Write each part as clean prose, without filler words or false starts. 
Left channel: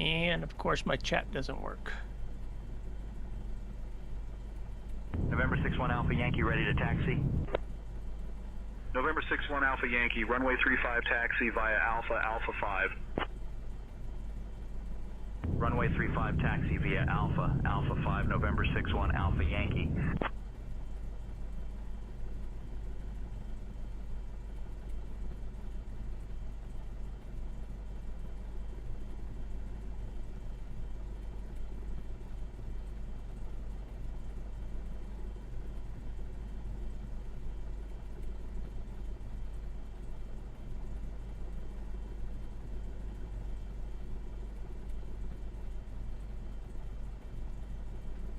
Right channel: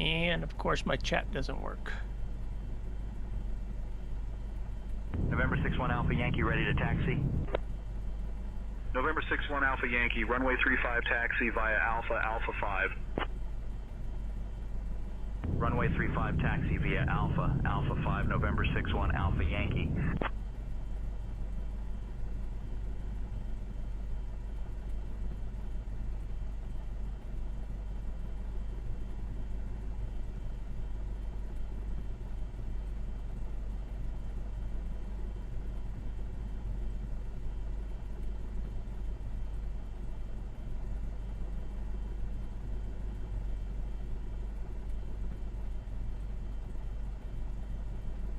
And of course my chat doesn't work. November 61 Alpha Yankee ready to taxi. November 61 Alpha Yankee, runway 35 taxi via Alpha, Alpha 5. Runway 35 taxi via Alpha, Alpha 5, November 61 Alpha Yankee.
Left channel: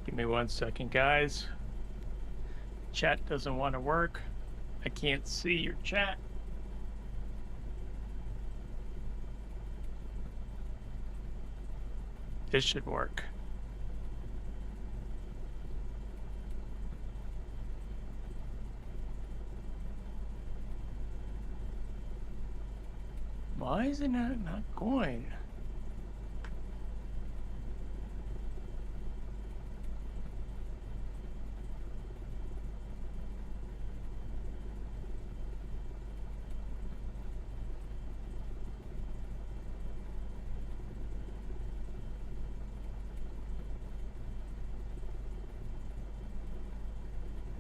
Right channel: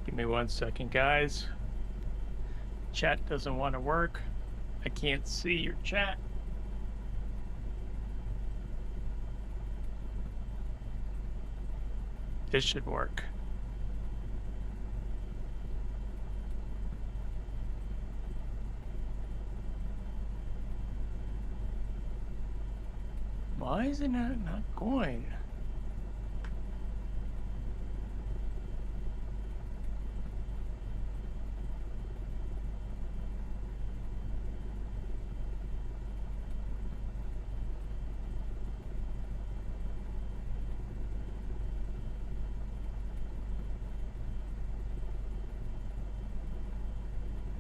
Give me 1 second, guys. Chat doesn't want to work. I can't see your chat. This should work. Why is it not going?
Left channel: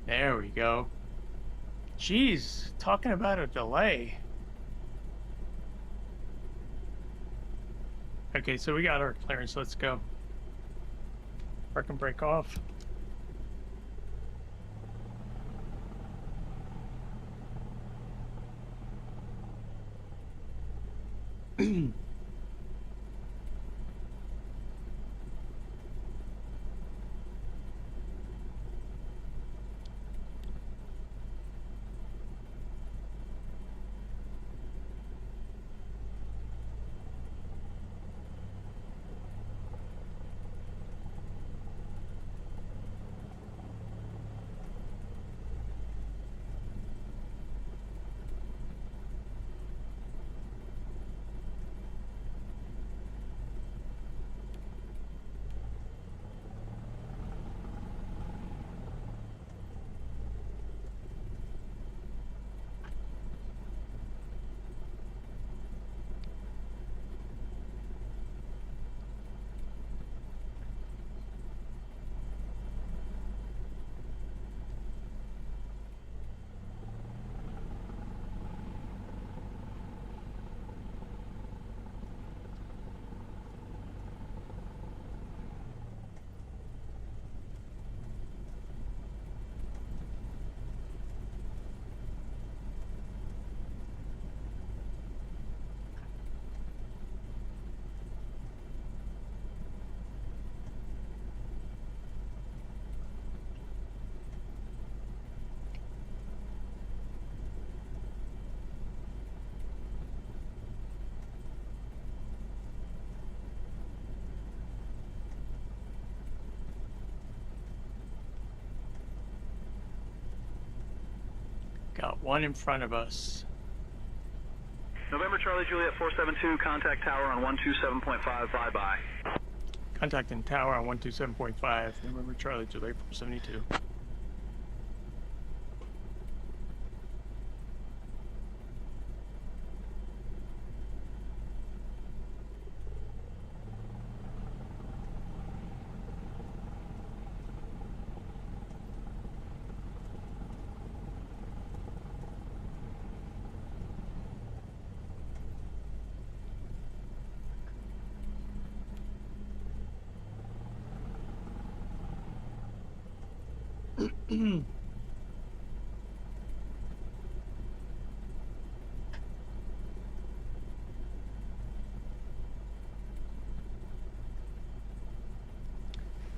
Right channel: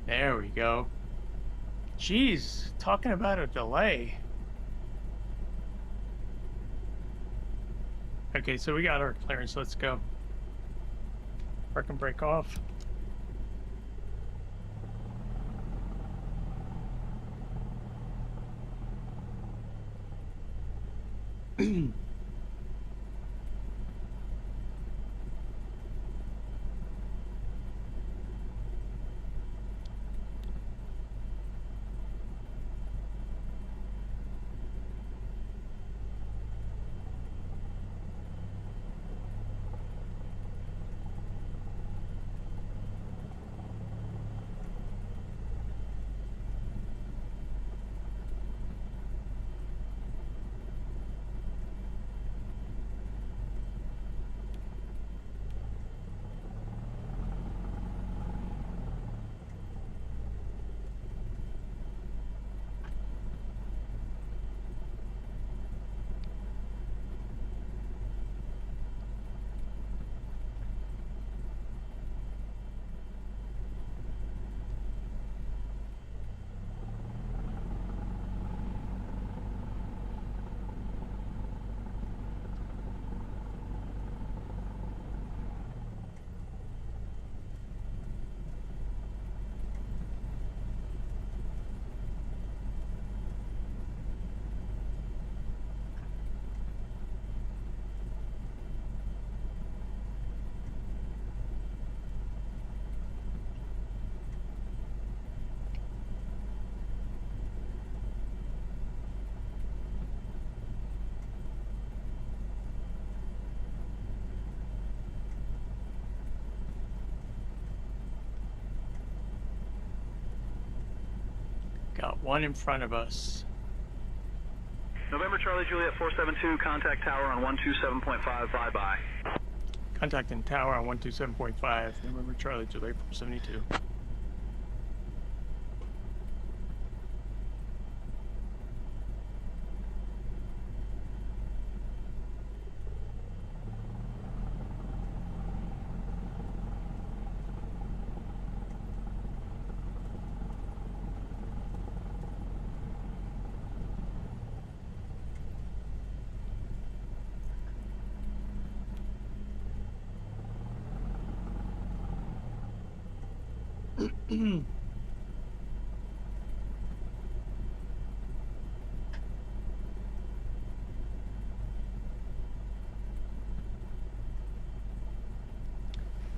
There we go. Jeez, talking about a delay. Okay, so we got our clearance. Let's go. Park and break off. Got one in front of us. November Charlie Juliet 472, contact tower on 127.5, bye-bye. Contacting tower on 127.5. November Charlie Juliet 472.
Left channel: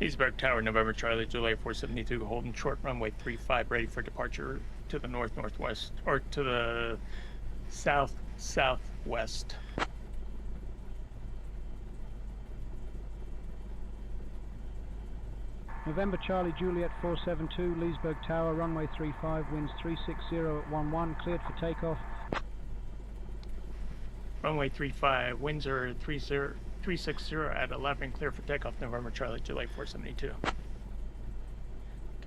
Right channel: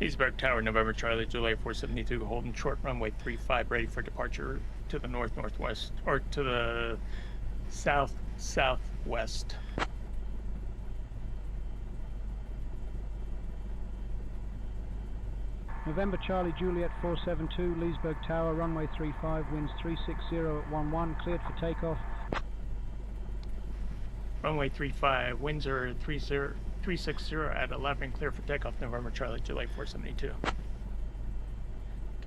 Leesburg Tower, November Charlie Juliet 472, holding short runway 35, ready for departure to the north-northwest, or to the south-southwest. November Charlie Juliet 472, Leesburg Tower, runway 35, winds 360 at 11, cleared for takeoff. Runway 35, winds are 360 at 11, clear for takeoff, November Charlie, July 472.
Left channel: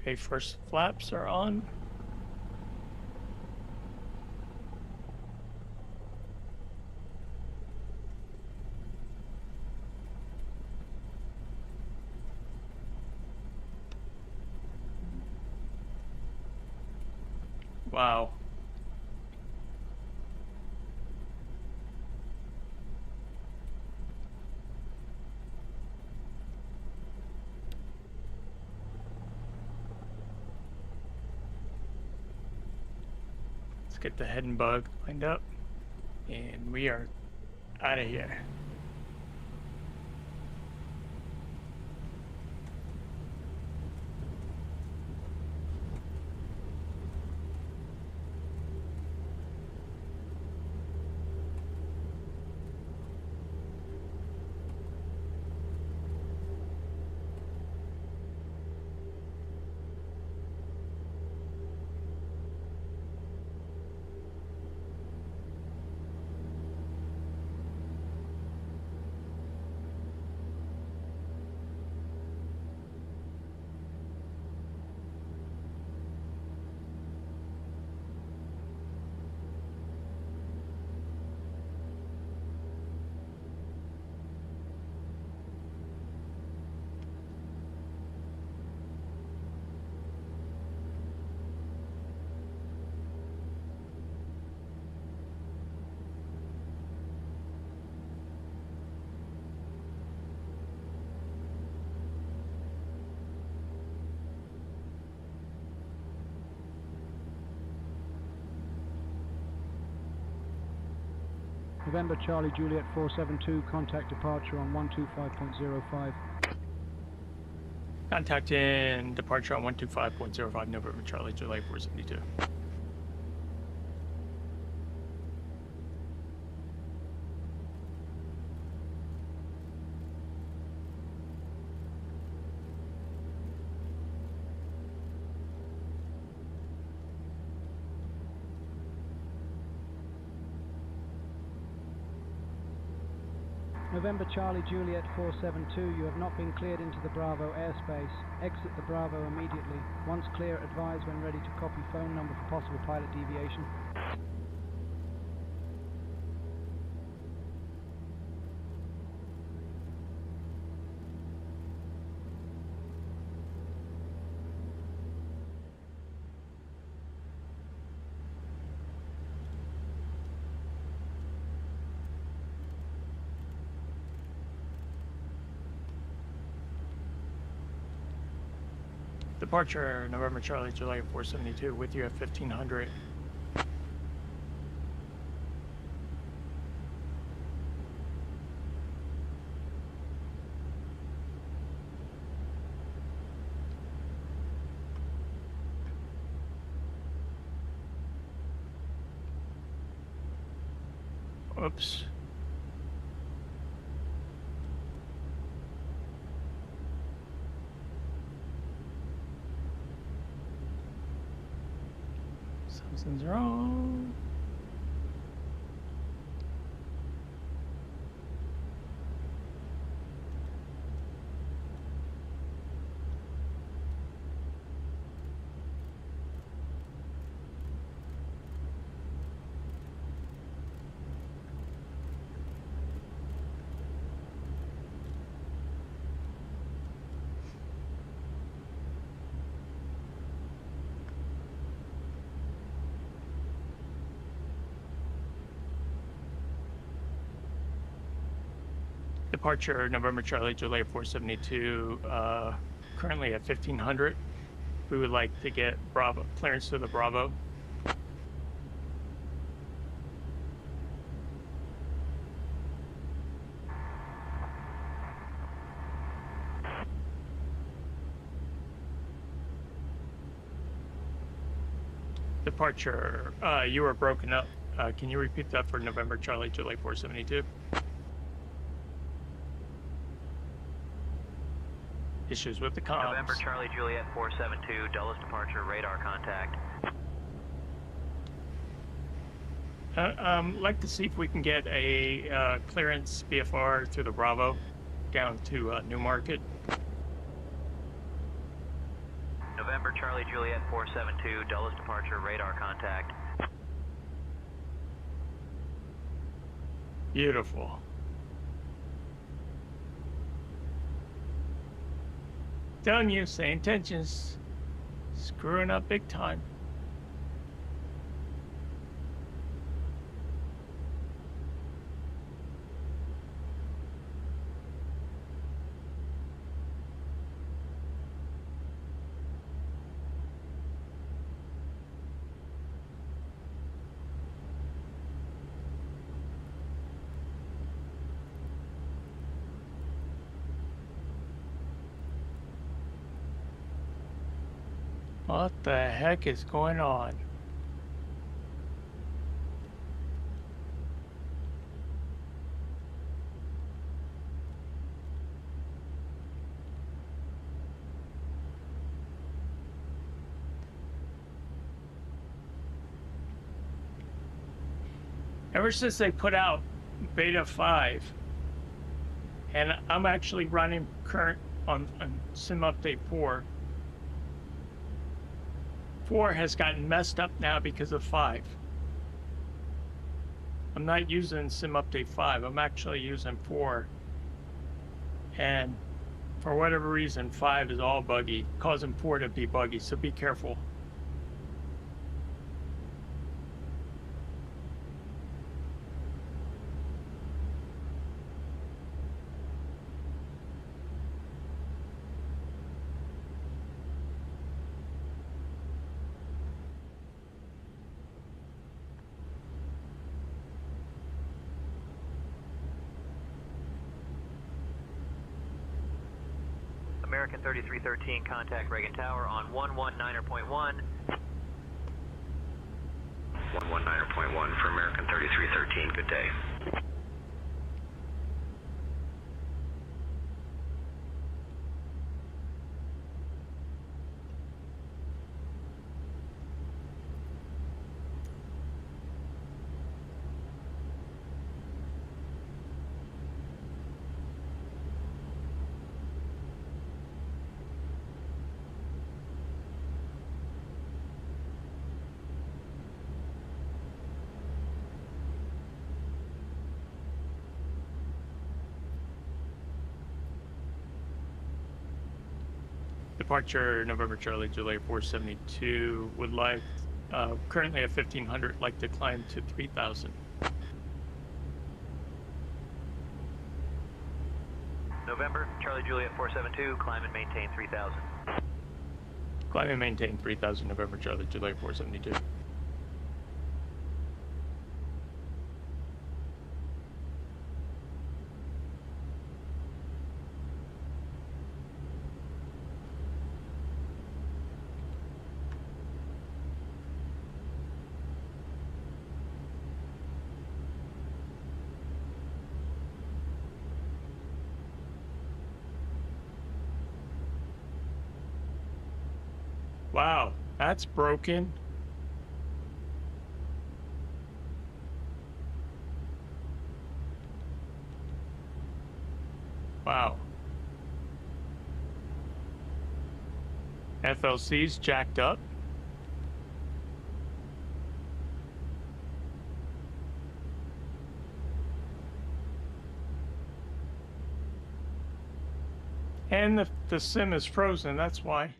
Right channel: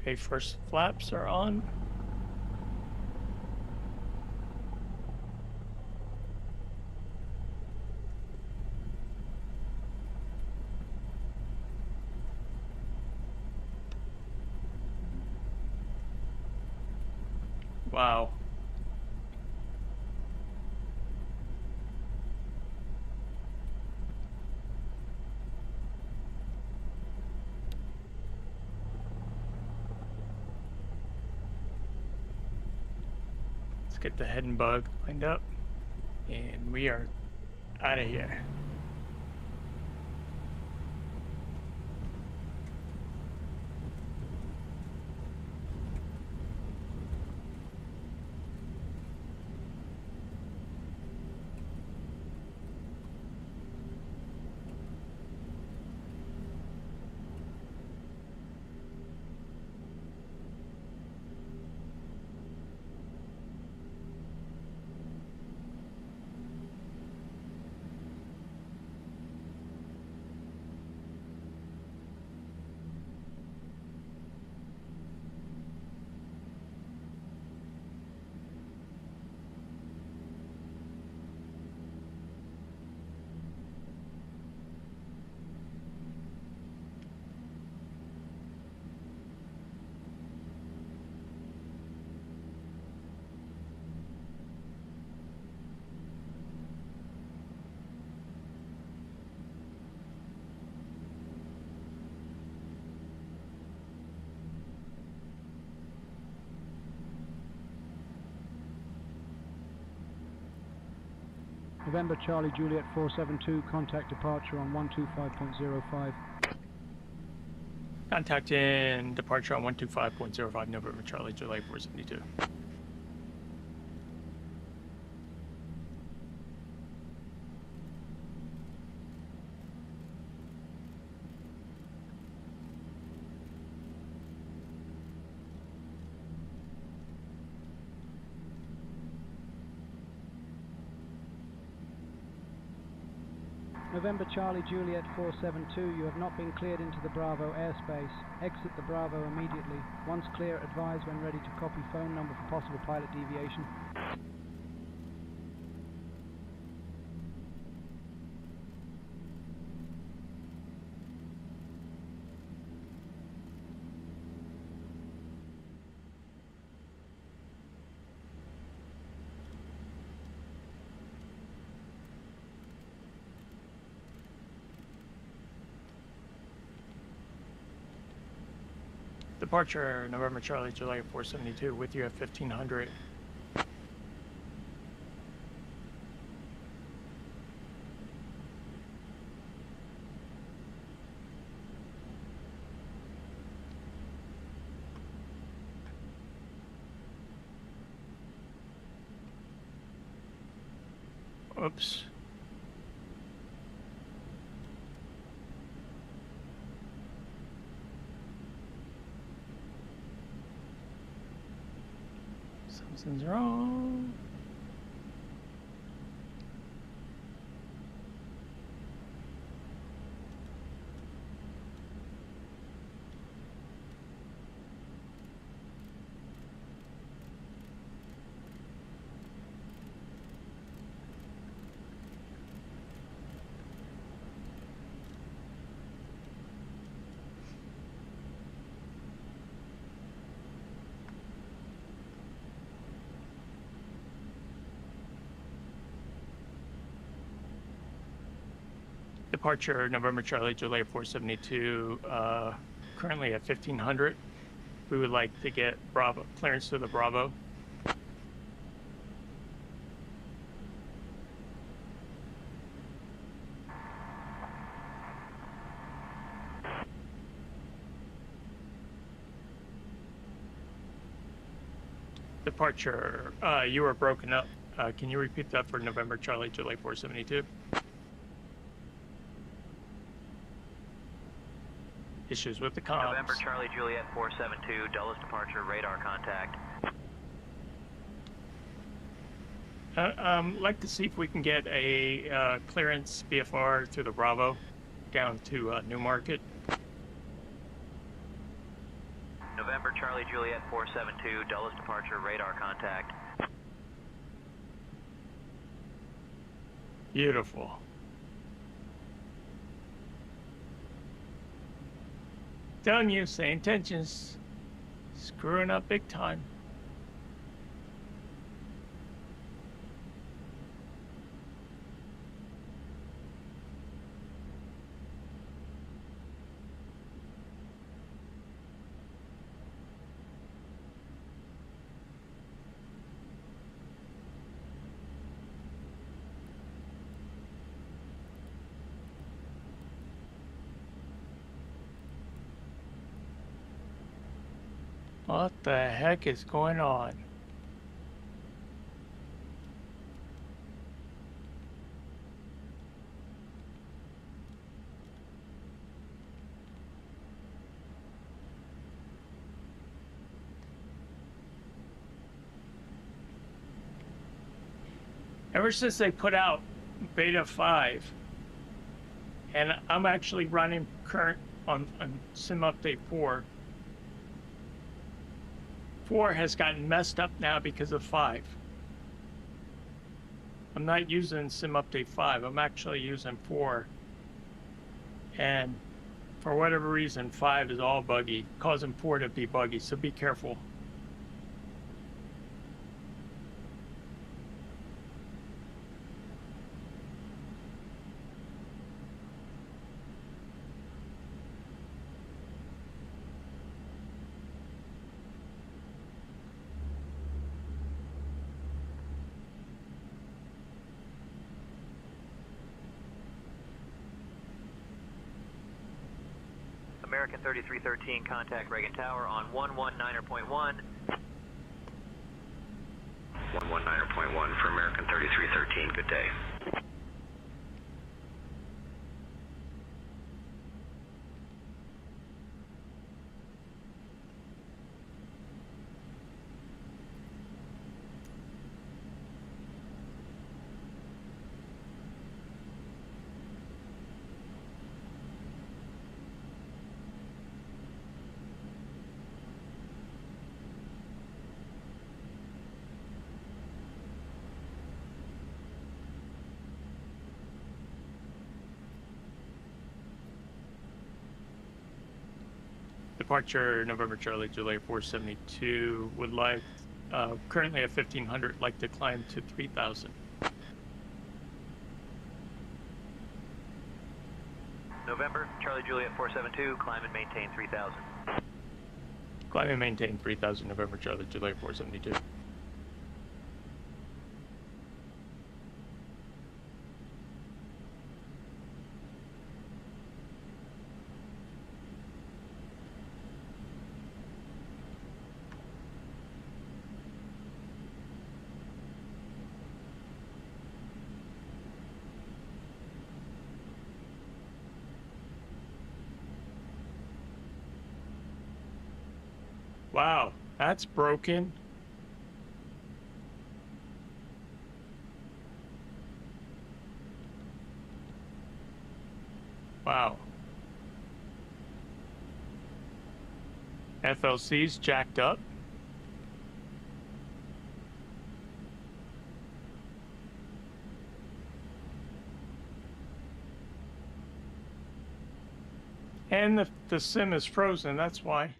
Okay, first flaps are on. Wow. Let's get the head and bug lined up, and we are out of here. November Charlie Juliet 472, contact departure on 125.05. Contact in departure on 125.05, November Charlie, July 472. November Charlie Juliet 472, you have not been cleared into the Bravo airspace. Exit the Bravo immediately. Once clear, advise when ready to copy phone number for possible pilot deviation. Departure, November Charlie, July 472, with you at 1500. Oops. Something's wrong. Departure, November Charlie, July 472, currently at 1500. We would like to get Bravo clearance to the Bravo. Departure, you were broken up. Can you repeat that for November Charlie, July 472? Issues with the comms. November Charlie Juliet 472, Dulles departure, radar contact. Like to see if we can get a clearance BFR through the Bravo down to Newmarket. November, Charlie, Juliet, 472, Dulles departure, radar contact. Beautiful. Telling you, St. Tensions screwing up big time. What the heck is going on? Ever since they put out Beta 5, and I'm actually running current on Sim Update 4, 4 has gotten messed up now because of 5. I'm not using Sim Update 5, I'm actually using 4. And for whatever reason, 5 is all buggy, causing 4 to be buggy, so be careful. American 3313, contact Reagan Tower on 119.1. 119.1 for American 3313, good day. Departure November Charlie Juliet 472, would like currently at 1500, like to climb to 3000. November, Charlie Juliet 472, climb and maintain 3000. Climb and maintain 3000, November Charlie Juliet 472. Wow, that's broken. Wow. FLC's jacked up. And the sim is frozen, that's why.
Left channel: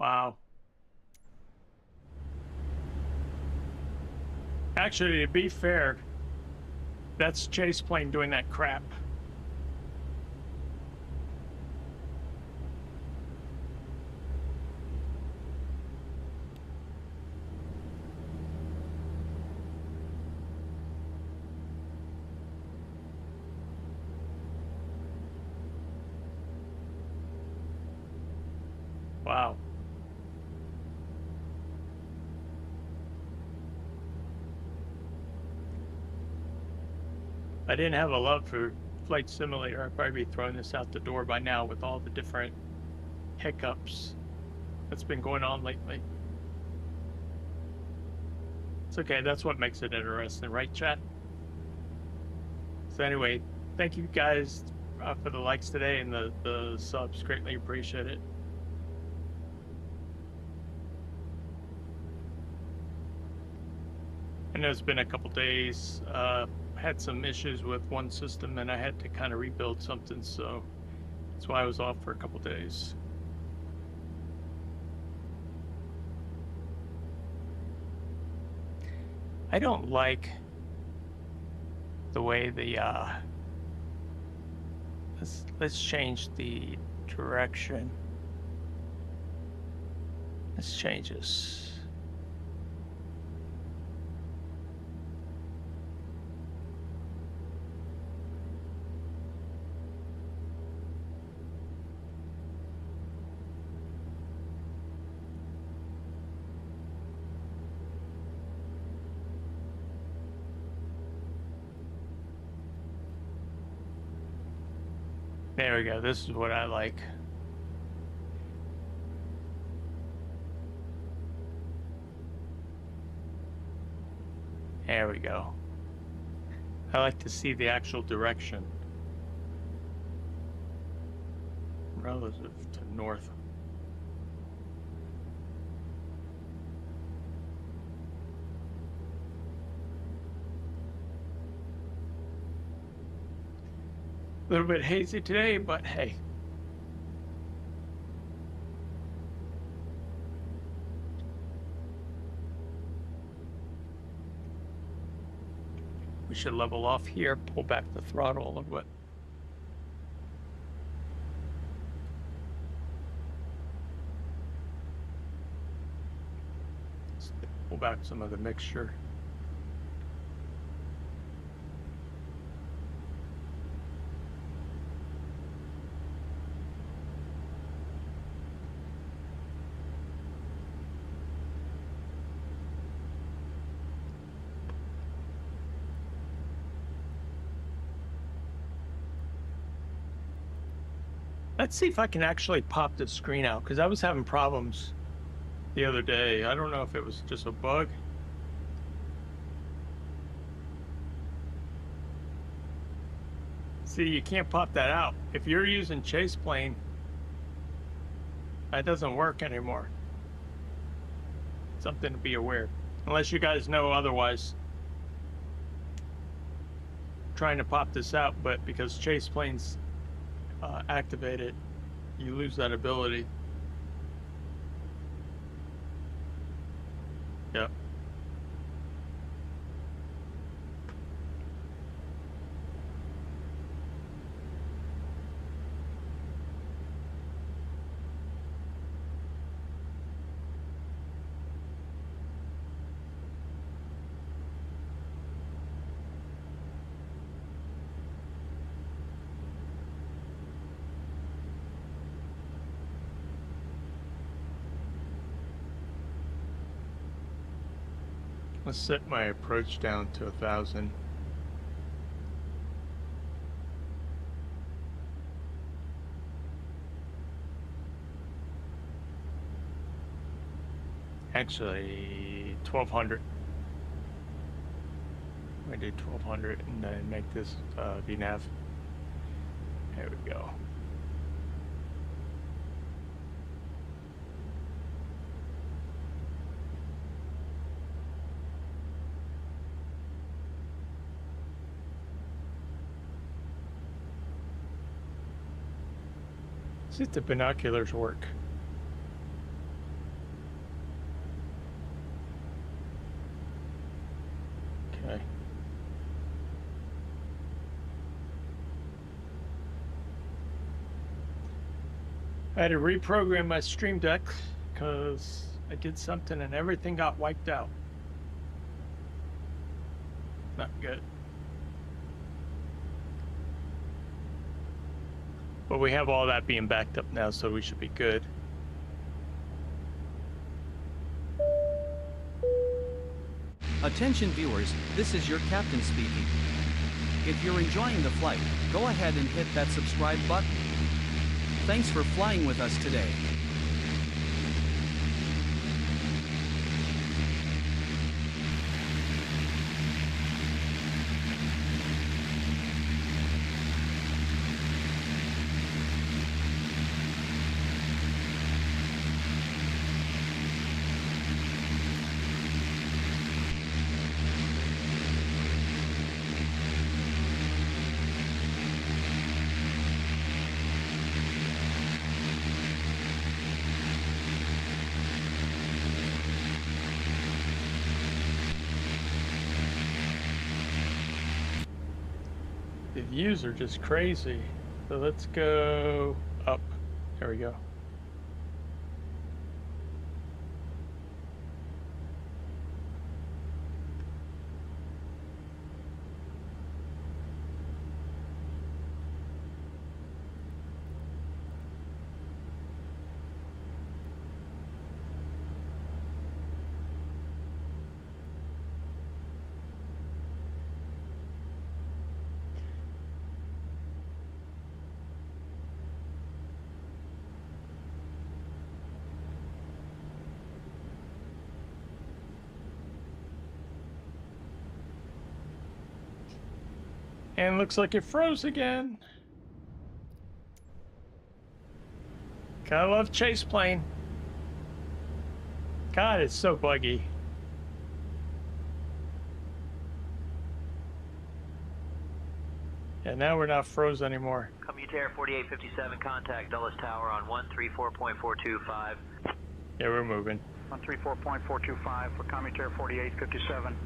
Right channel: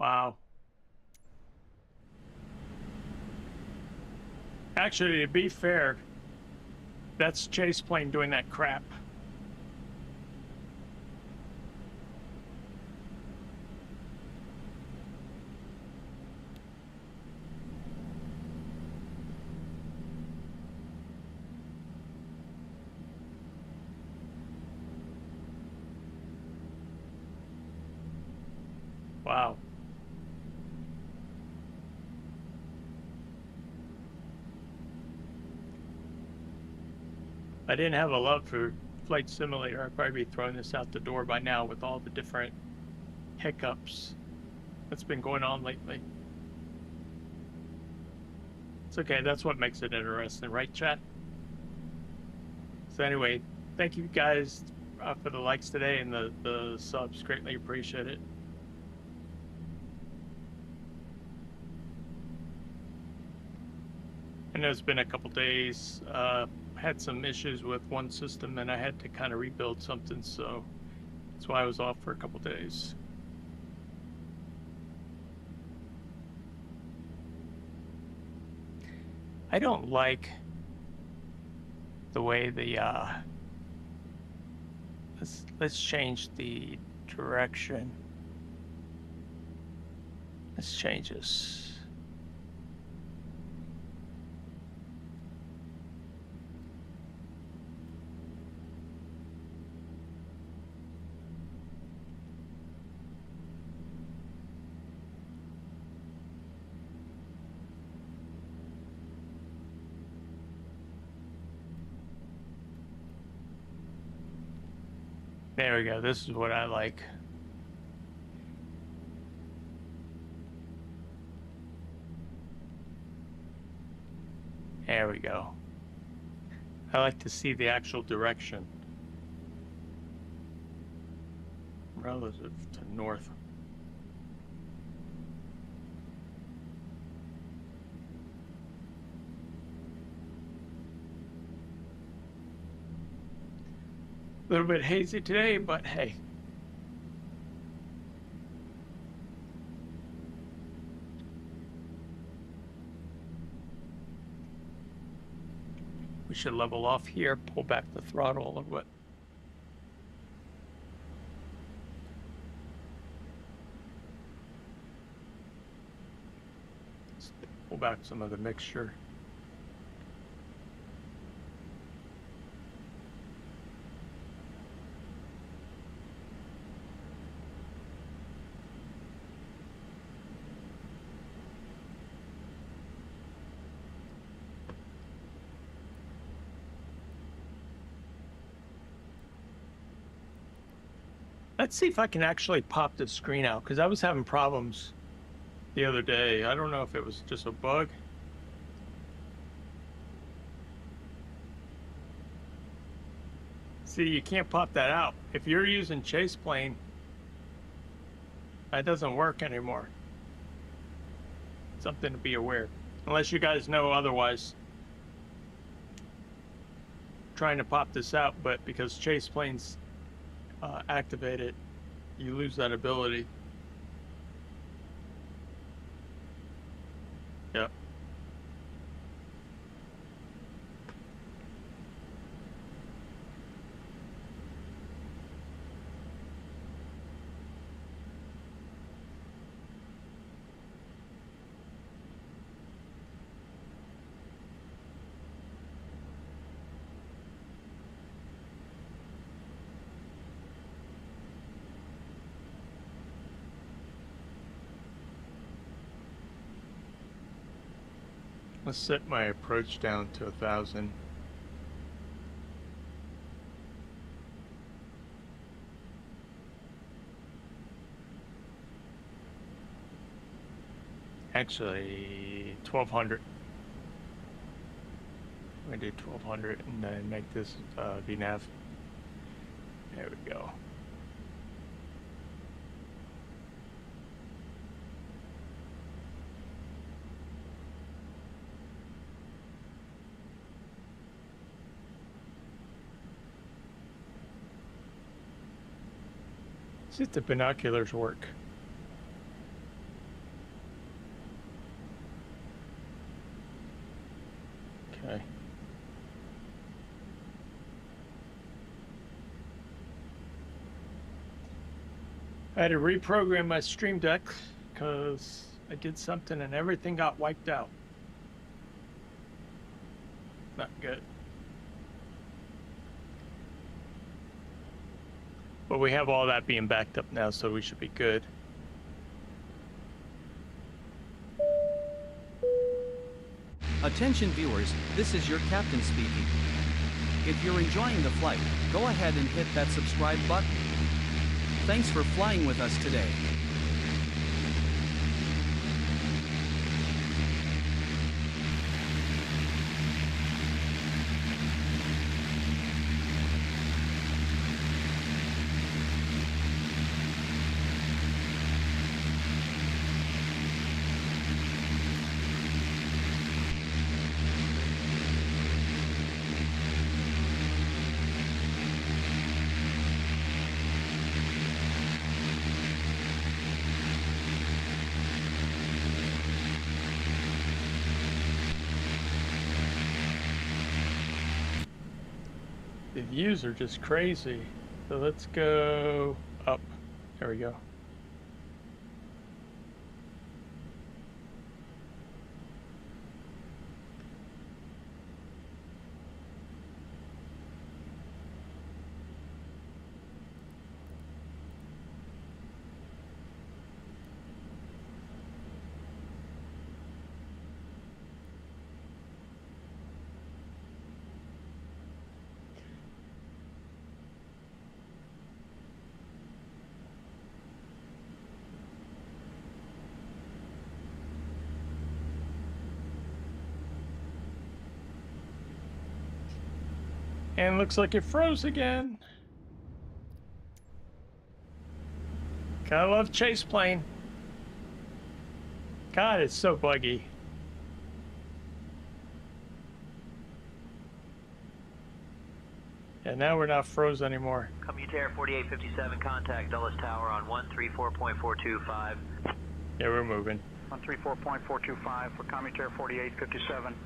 Wow. Actually, to be fair, that's Chase plane doing that crap. Wow. If I didn't have a love for Flight Simulator, I'd probably be throwing this out the door by now with all the different hiccups that's been going on lately. It's okay. That's what makes it interesting, right, chat? So anyway, thank you guys for the likes today and the subs. Greatly appreciate it. I know it's been a couple days. Had some issues with one system and I had to kind of rebuild something, so that's why I was off for a couple days. I don't like the way the let's change the direction. Let's change this. There we go. This is what I like. There we go. I like to see the actual direction relative to north. A little bit hazy today, but hey. We should level off here, pull back the throttle a little bit. Let's pull back some of the mixture. Let's see if I can actually pop the screen out, because I was having problems the other day. I don't know if it was just a bug. See, you can't pop that out. If you're using Chase Plane, that doesn't work anymore. Something to be aware. Unless you guys know otherwise. Trying to pop this out, but because Chase Plane's activated, you lose that ability. Yep. Let's set my approach down to 1,000. Actually, 1,200. I'm gonna do 1,200 and then make this VNAV. There we go. See if the binoculars work. Okay. I had to reprogram my Stream Deck because I did something and everything got wiped out. Not good. But we have all that being backed up now, so we should be good. Attention viewers, this is your captain speaking. If you're enjoying the flight, go ahead and hit that subscribe button. Thanks for flying with us today. The views are just crazy. So let's go up. There we go. And looks like it froze again. Gotta love chase plane. God, it's so buggy. And now we're not froze anymore. Commutair 4857, contact Dulles Tower on 134.425. Yeah, we're moving. 134.425 for Commutair 4857.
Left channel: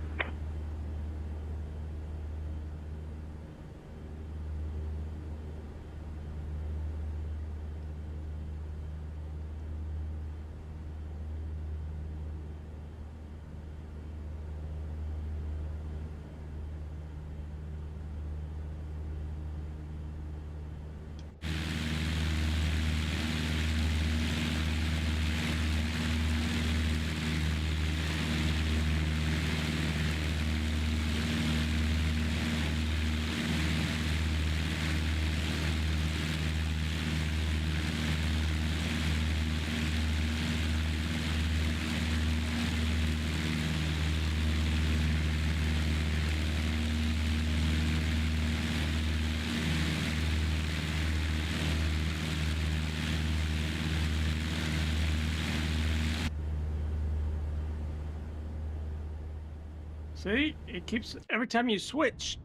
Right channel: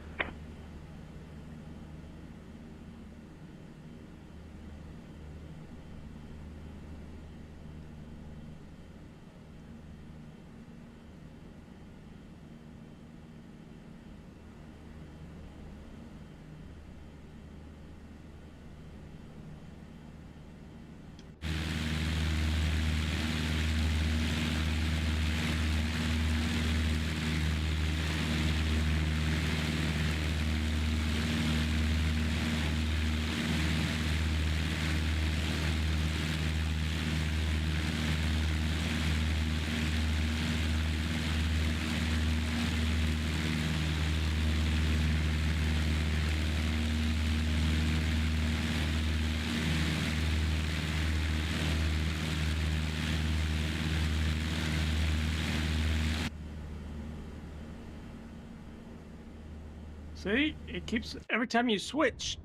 See, it keeps every time you switch.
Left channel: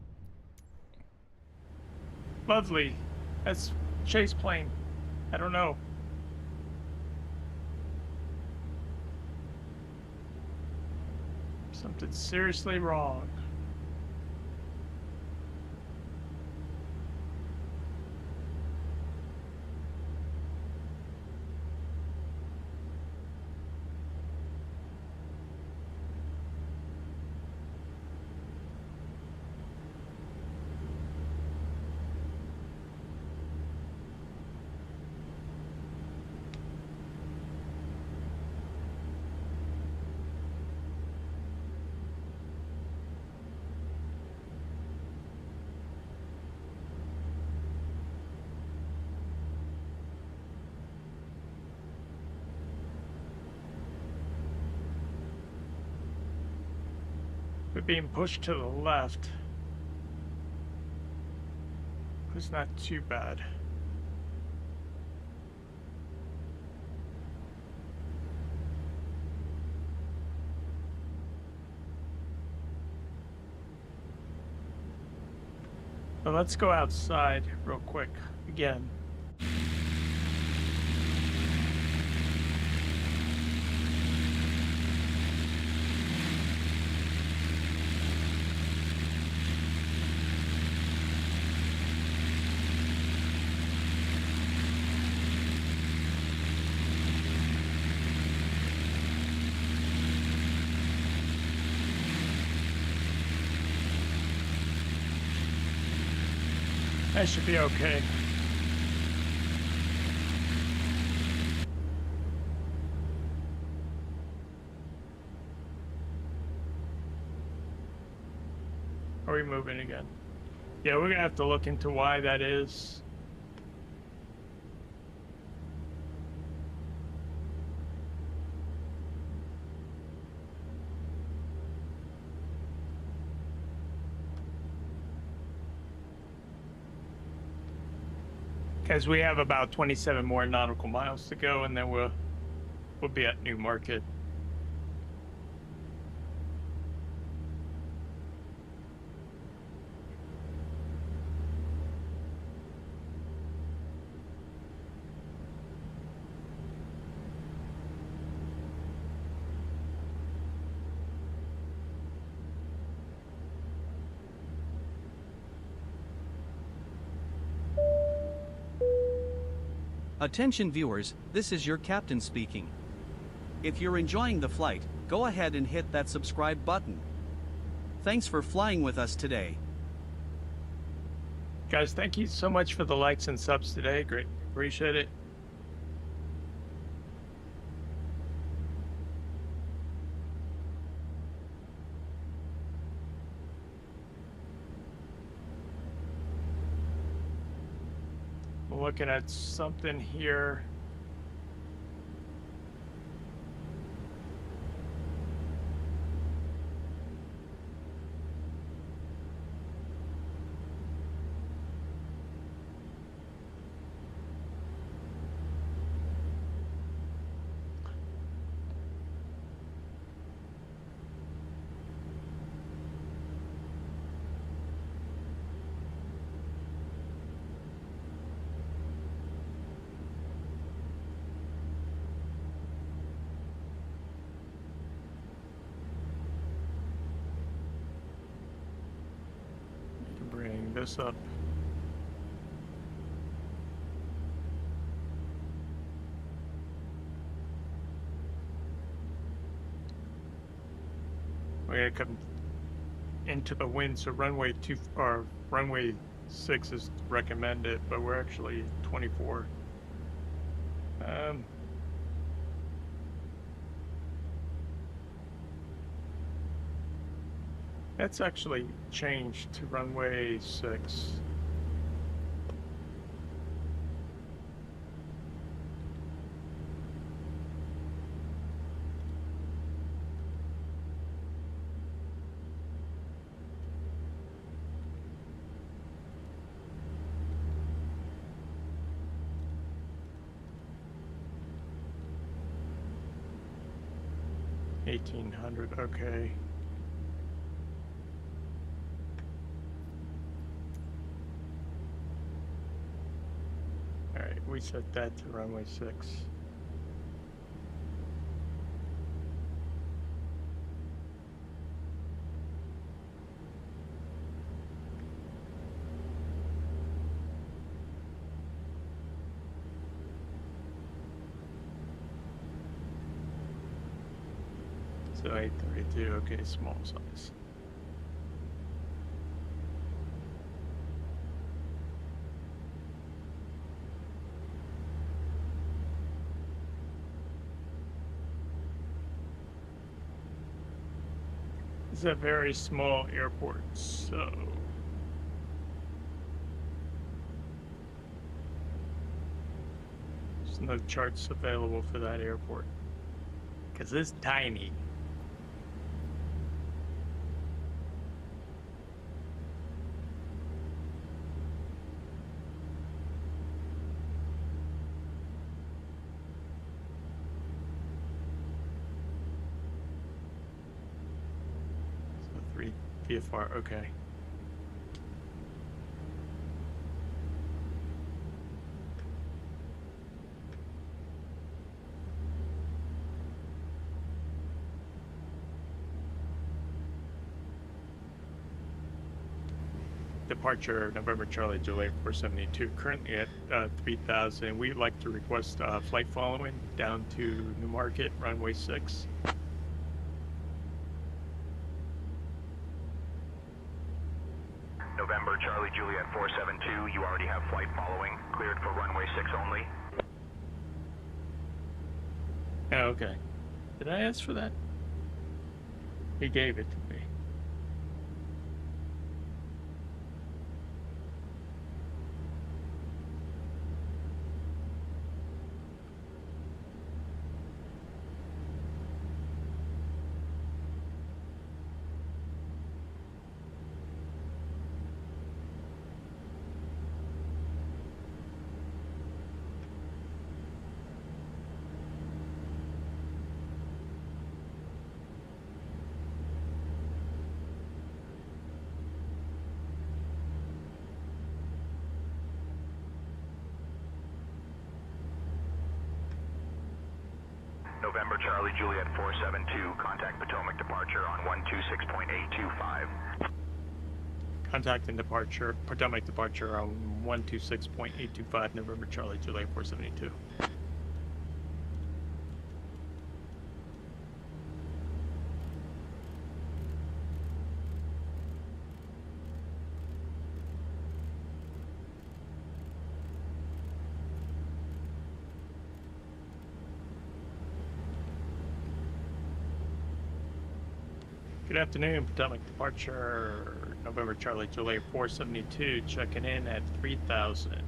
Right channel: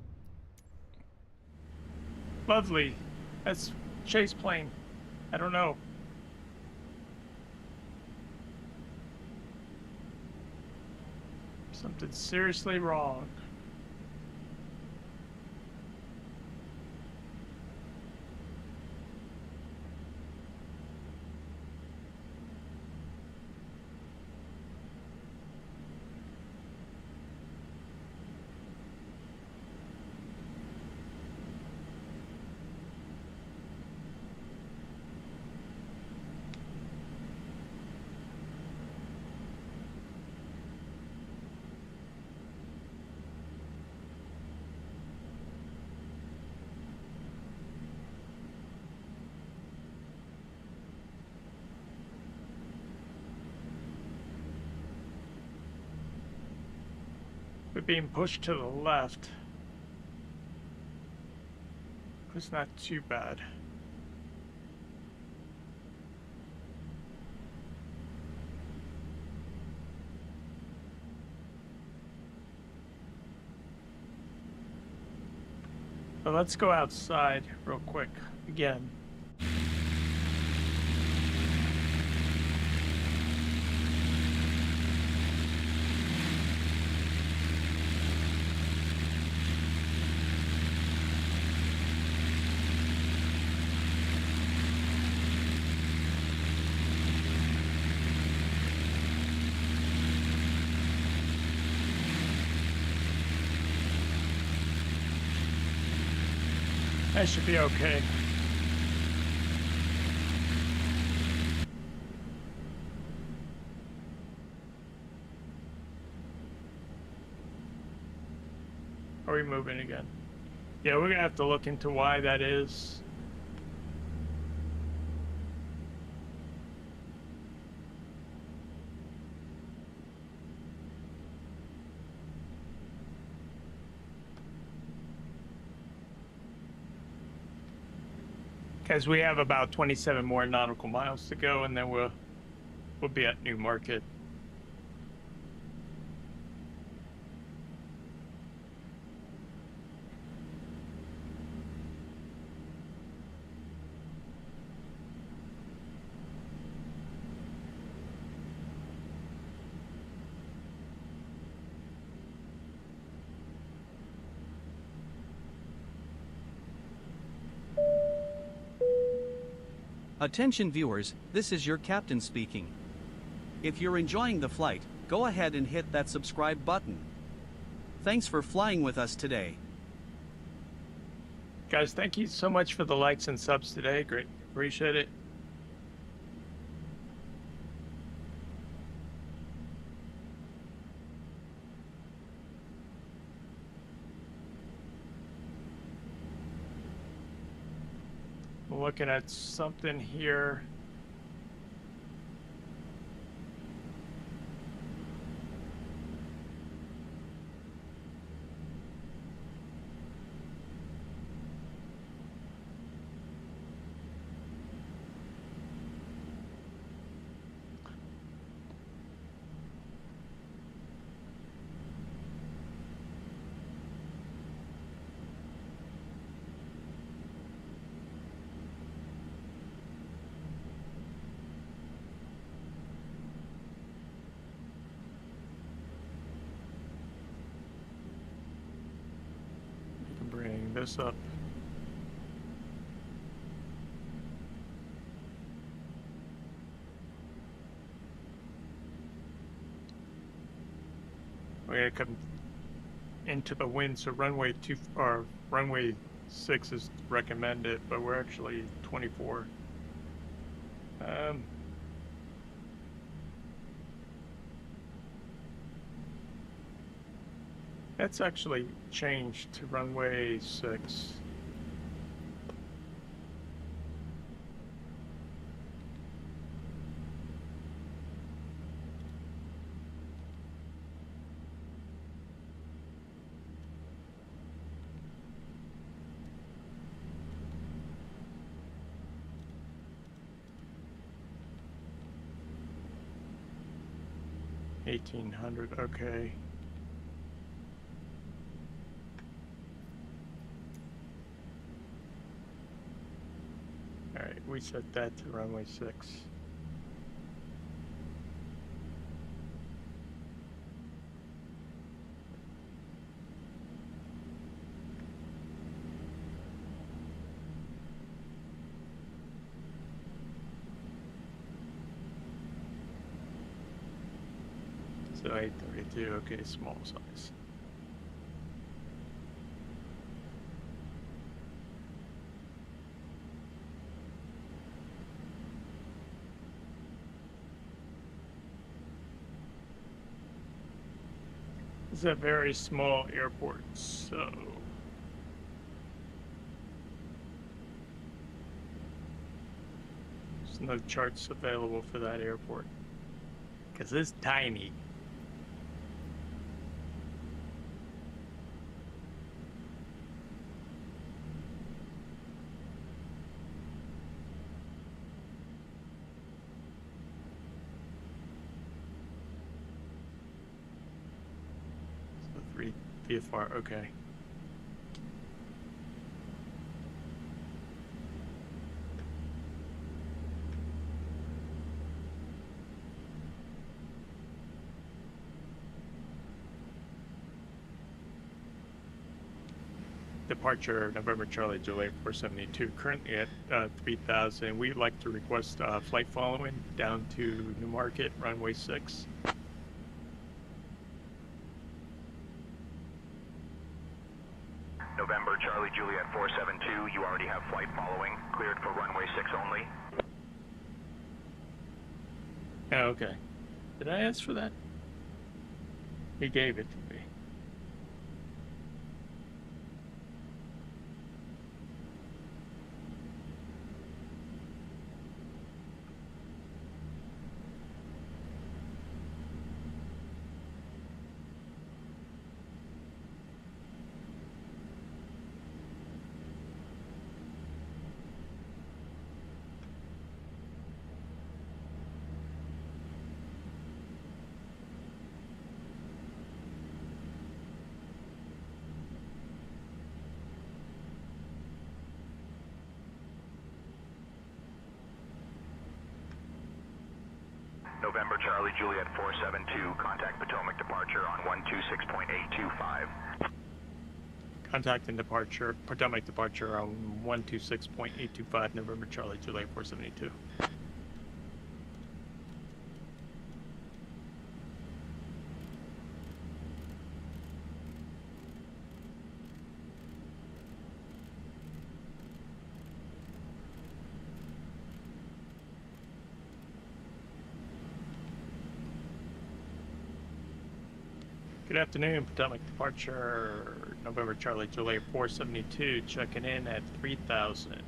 Lovely. That's chase plane. I don't know. Something seriously wrong. We're being pushed to the left. It's not too bad. So let's go outside real quick again. That should be okay. Are we moving again? Yeah, we're gonna have to look into why that is. Because we have about 27 more nautical miles to go, and then we'll be at Newmarket. Attention viewers, this is your captain speaking. If you're enjoying the flight, go ahead and hit that subscribe button. Thanks for flying with us today. Guys, thank you so much for the likes and subs today. Great. Appreciate it. I'm looking at something here. Bring this up. We're gonna come into the wind, so runway 2 or runway 6 is recommended, but we're actually 24. That's actually changed to runway 6. $1,800, okay. Alright, we set that to runway 6. So 832, okay, small size. It's a very small airport, so there's no charts available for that airport because it's tiny. So 3 VFR, okay. Departure November Charlie Juliet 472, currently at 3,000. We'd like to request flight following down to Newmarket, runway 6. November Charlie Juliet 472, you already have flight following, cleared for runway 6 only. Oh, okay. Did I ask for that? He gave it to me. November Charlie Juliet 472, contact Potomac departure on 126.825. Contacting departure, Potomac departure on 126.825 November Charlie, July 472. Good afternoon, Potomac departure, November Charlie, July 472, checking in at 3000.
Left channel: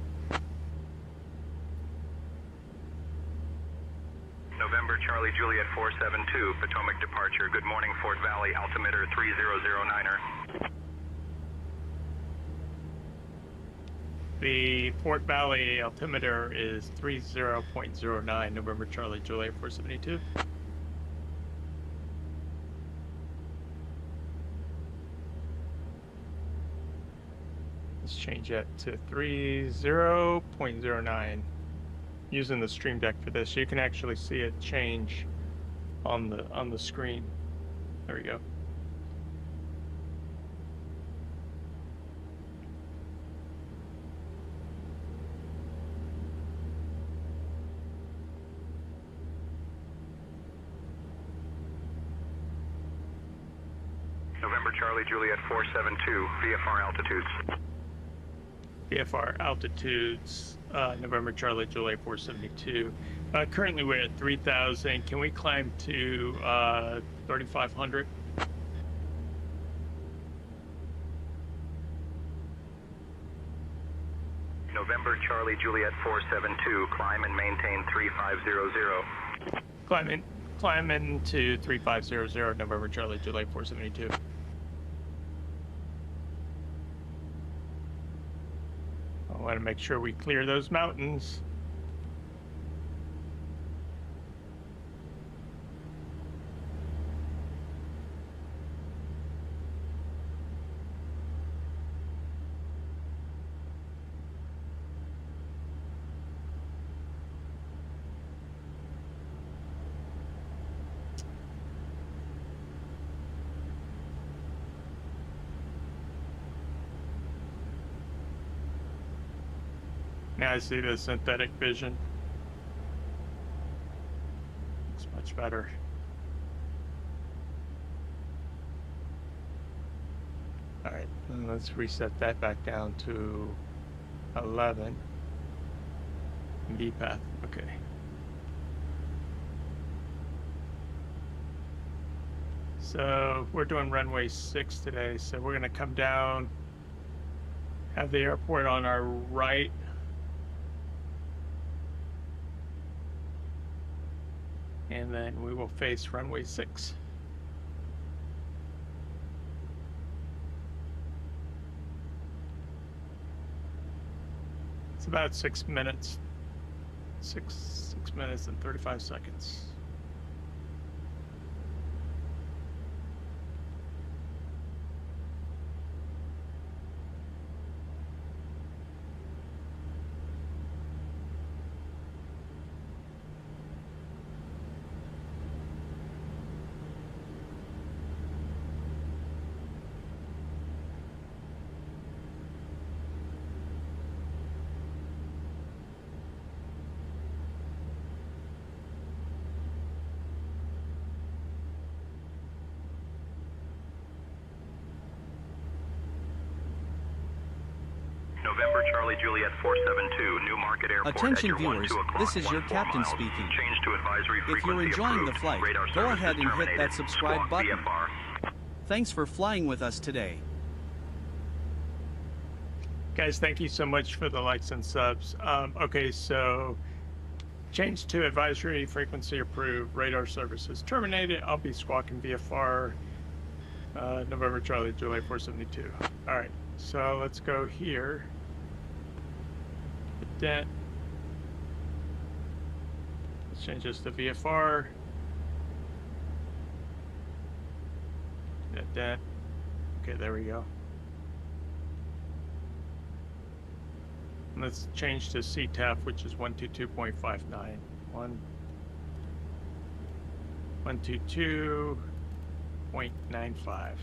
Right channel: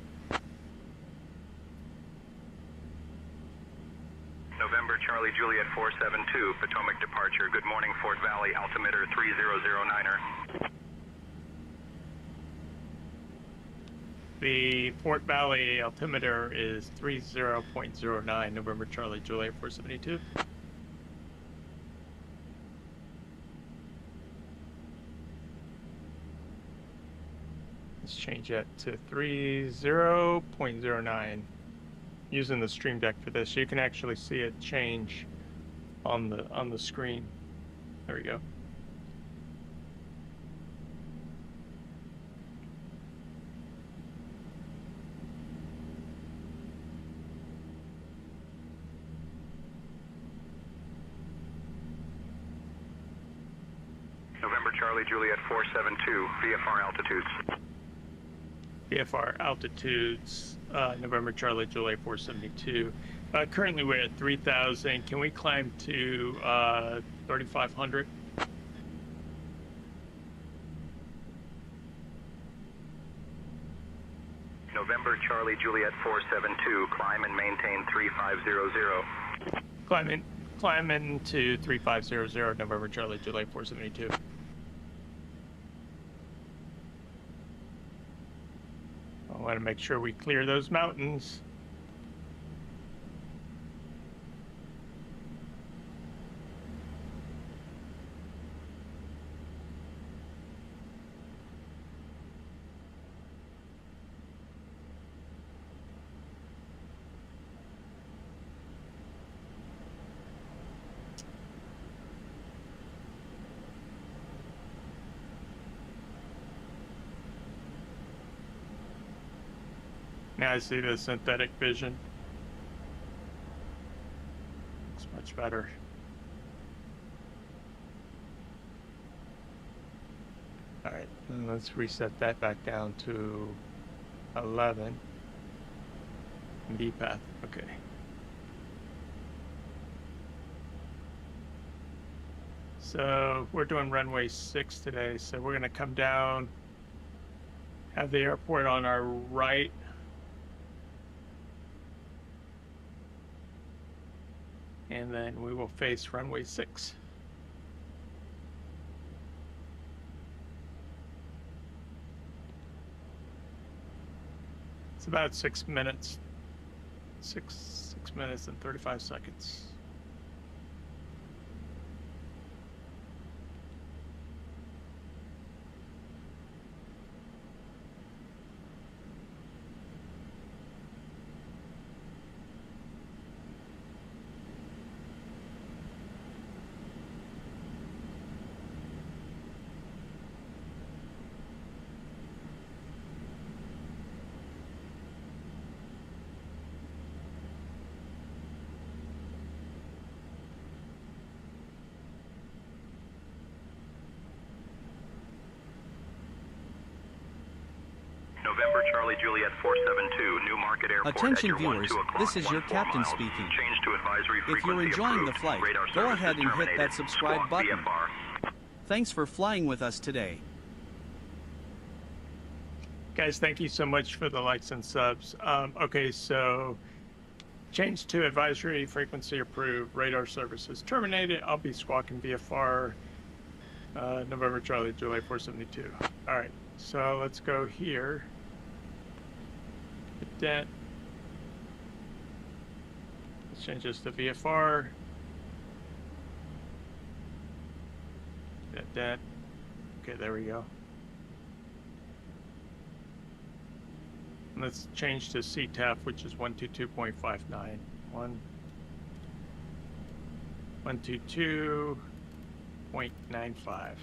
November Charlie Juliet 472, Potomac departure. Good morning, Fort Valley, altimeter 3009er. The Fort Valley altimeter is 30.09, November Charlie, July 472. Let's change that to 30.09. Using the stream deck for this, you can actually see it change on the screen. There we go. November Charlie Juliet 472, VFR altitudes. VFR altitudes, November Charlie, July 472. Currently we're at 3000. Can we climb to 3500? November Charlie Juliet 472, climb and maintain 3500. Climbing to 3500, November Charlie, July 472. I want to make sure we clear those mountains. Now I see the synthetic vision. Looks much better. All right, then let's reset that back down to 11. V path, okay. So we're doing runway 6 today, so we're gonna come down, have the airport on our right. And then we will face runway 6. It's about 6 minutes. 6 minutes and 35 seconds. November Charlie Juliet 472, New Market Airport. Attention viewers, this is your captain speaking. Change to advisory If you're frequency enjoying the approved. flight, Radar go services ahead and hit terminated. that subscribe Squawk button. VFR. Thanks for flying with us today. Guys, thank you so much for the likes and subs. Okay, so change to advisory frequency approved. Radar services terminated. I'll be squawking VFR. November Charlie, July 472. All right, so let's go here. Hit that. Let's change this to VFR. Hit that. Okay, there we go. And let's change to CTAF, which is 122.59. 122.95.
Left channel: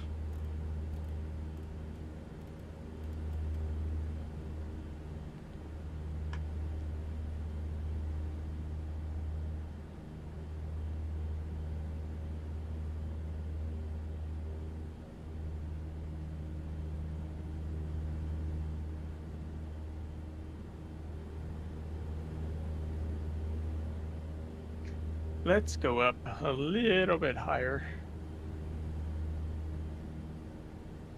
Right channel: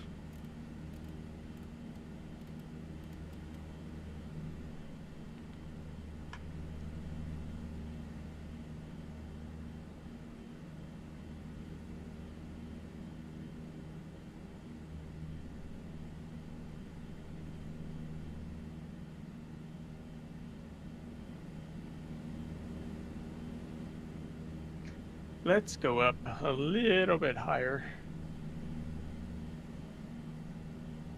let's go up a little bit higher.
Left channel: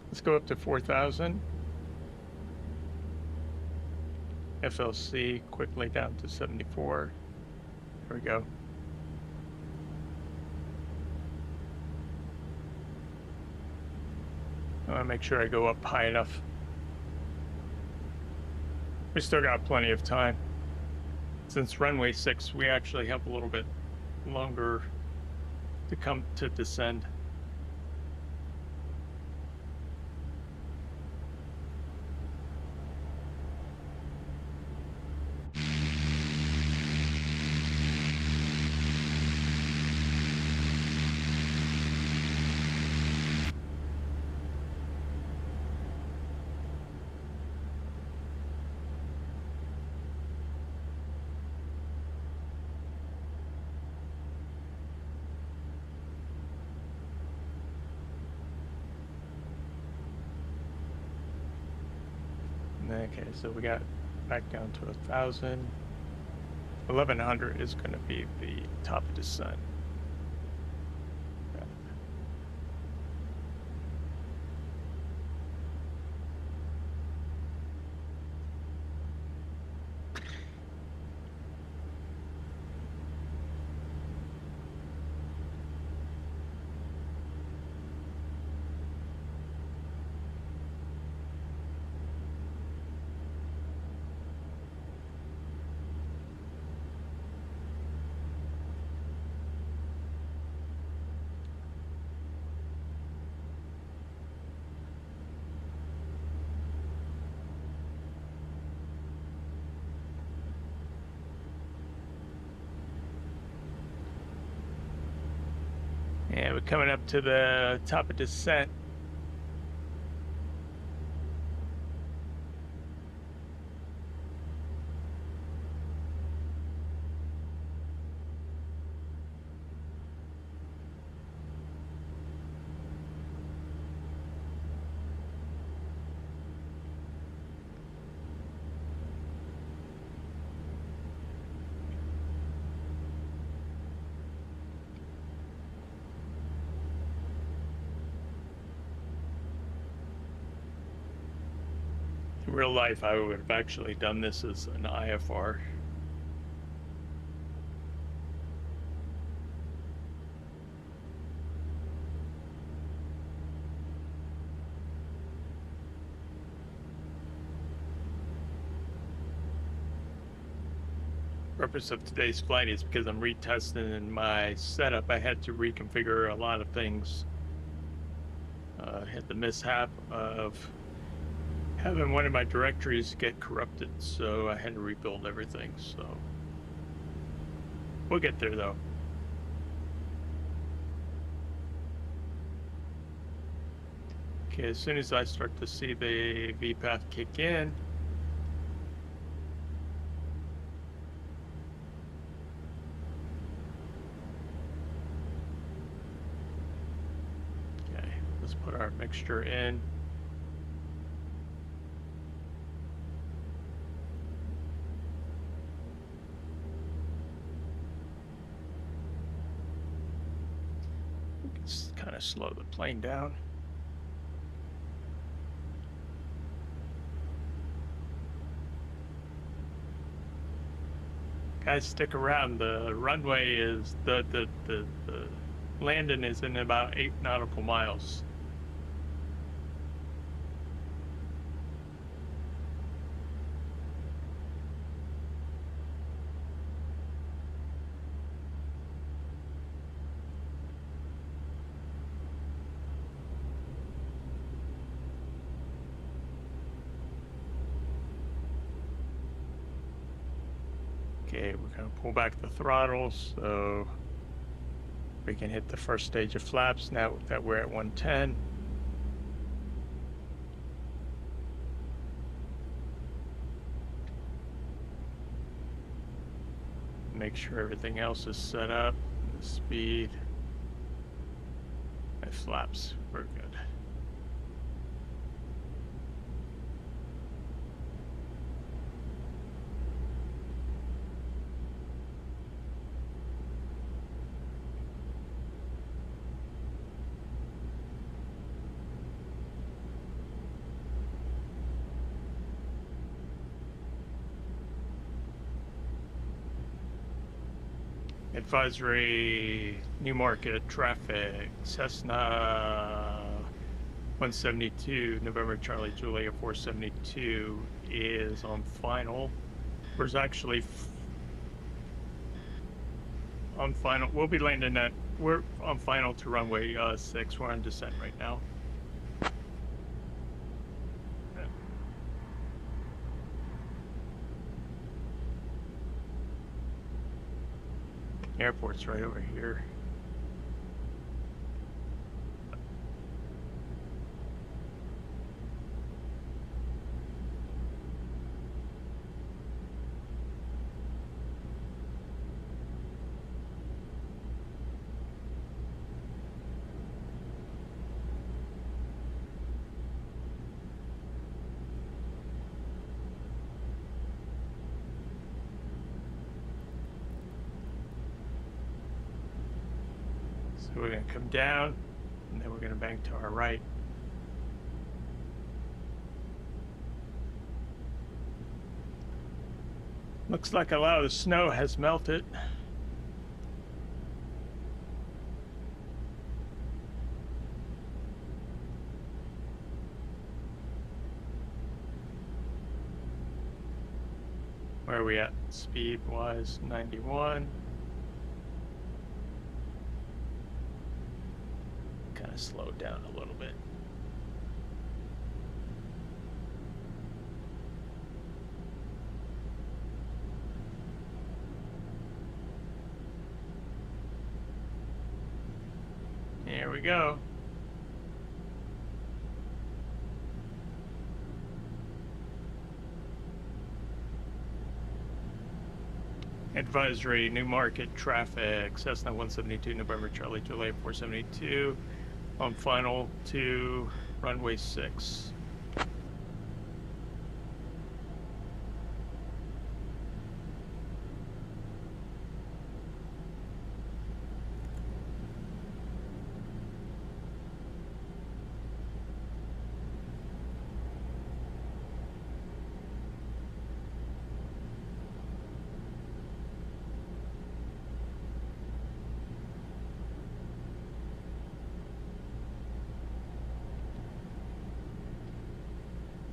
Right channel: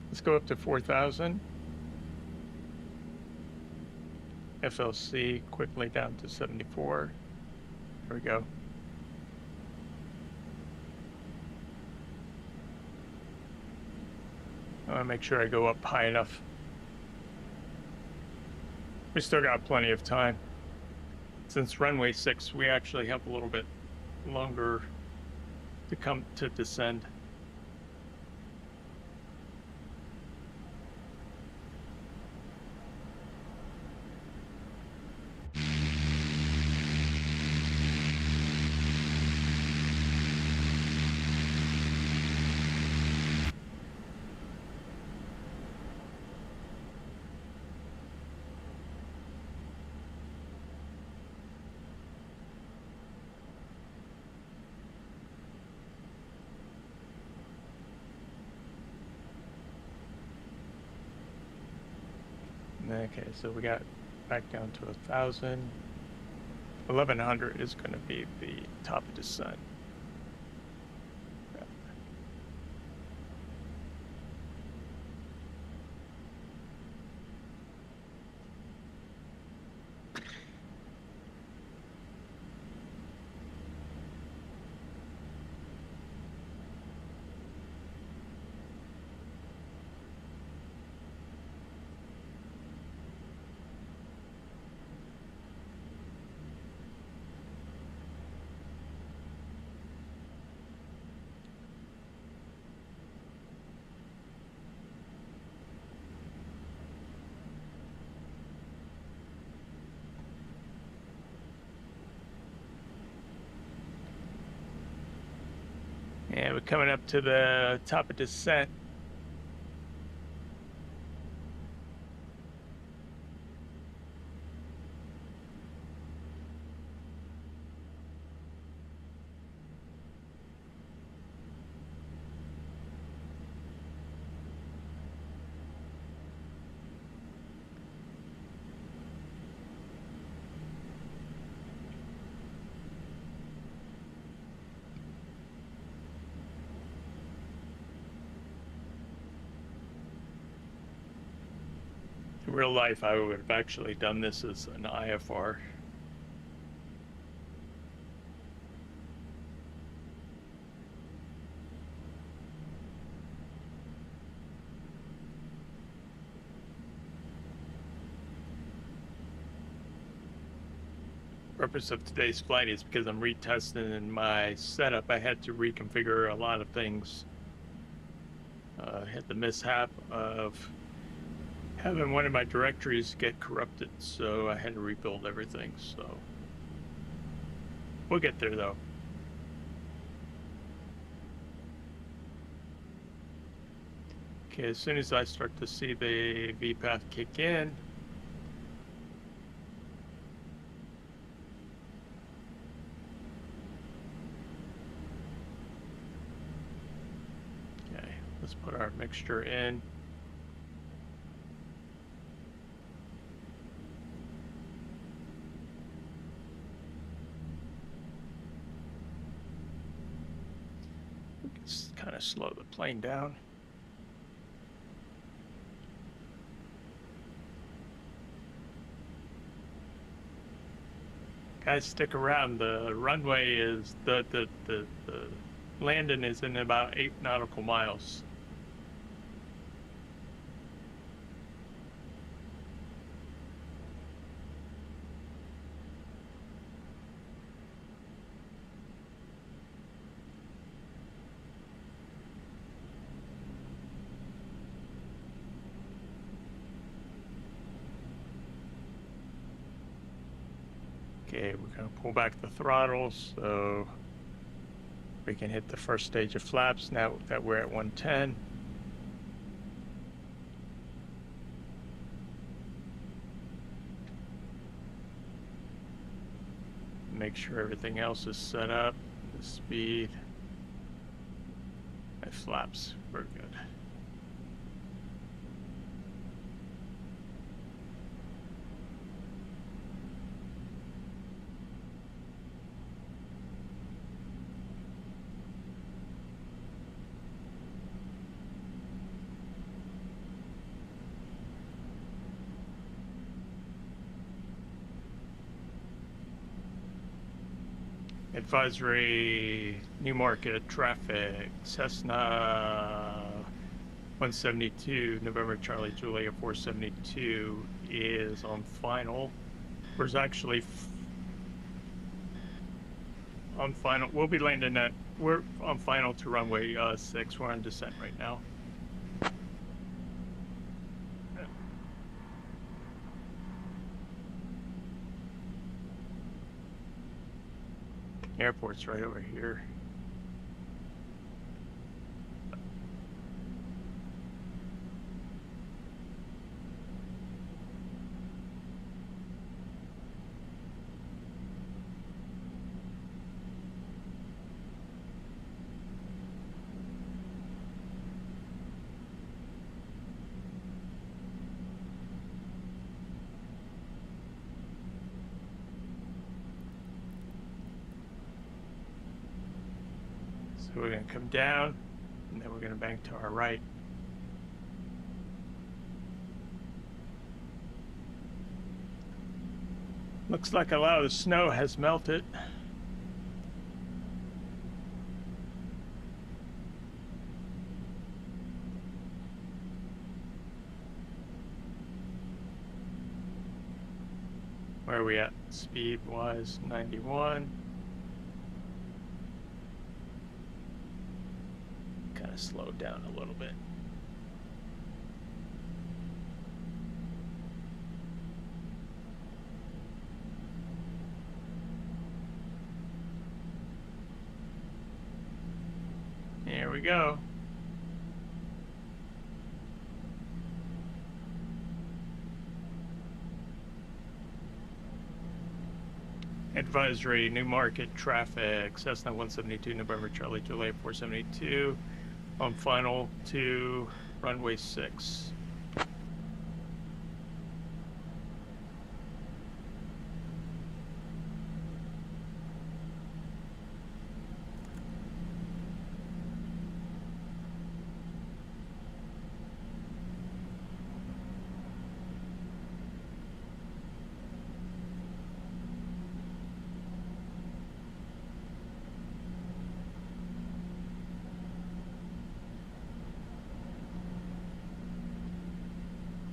Let's go up to 4,000. FLC quickly down to 74. Here we go. I want to make sure I go up high enough. We still got plenty of time. Since runway 6, we actually have a little bit longer to come to descend. Okay, so we got back down to 1,000. 1,100 is going to be the top of descent. And we're coming up to the top of descent. In real life, I would have actually done this as an IFR. Purpose of today's flight is because I'm retesting in my setup. I had to reconfigure a lot of things. I had the mishap of having one of my directories get corrupted, so I had to rebuild everything. So we'll get there though. Okay, as soon as I start to see the VPAth kick in, okay, let's put our mixture in. Kind of slow the plane down. Guys, stick around. The runway is the landing is in about 8 nautical miles. Okay, we're going to pull back the throttle so we can hit the first stage of flaps now that we're at 110. Make sure everything else is set up, the speed, and flaps, we're good. Advisory, New Market, traffic, Cessna 172, November Charlie Julia 472 is on final. Where's actually on final. We'll be landing at, we're on final to runway 6. We're on descent right now. Airport's right over here. So we're going to come down, and then we're going to bank to our right. Looks like a lot of the snow has melted. Where are we at? Speed-wise, 91. Kind of slowed down a little bit. Here we go. Advisory, New Market, traffic, Cessna 172, November Charlie Juliet 472. On final to runway 6.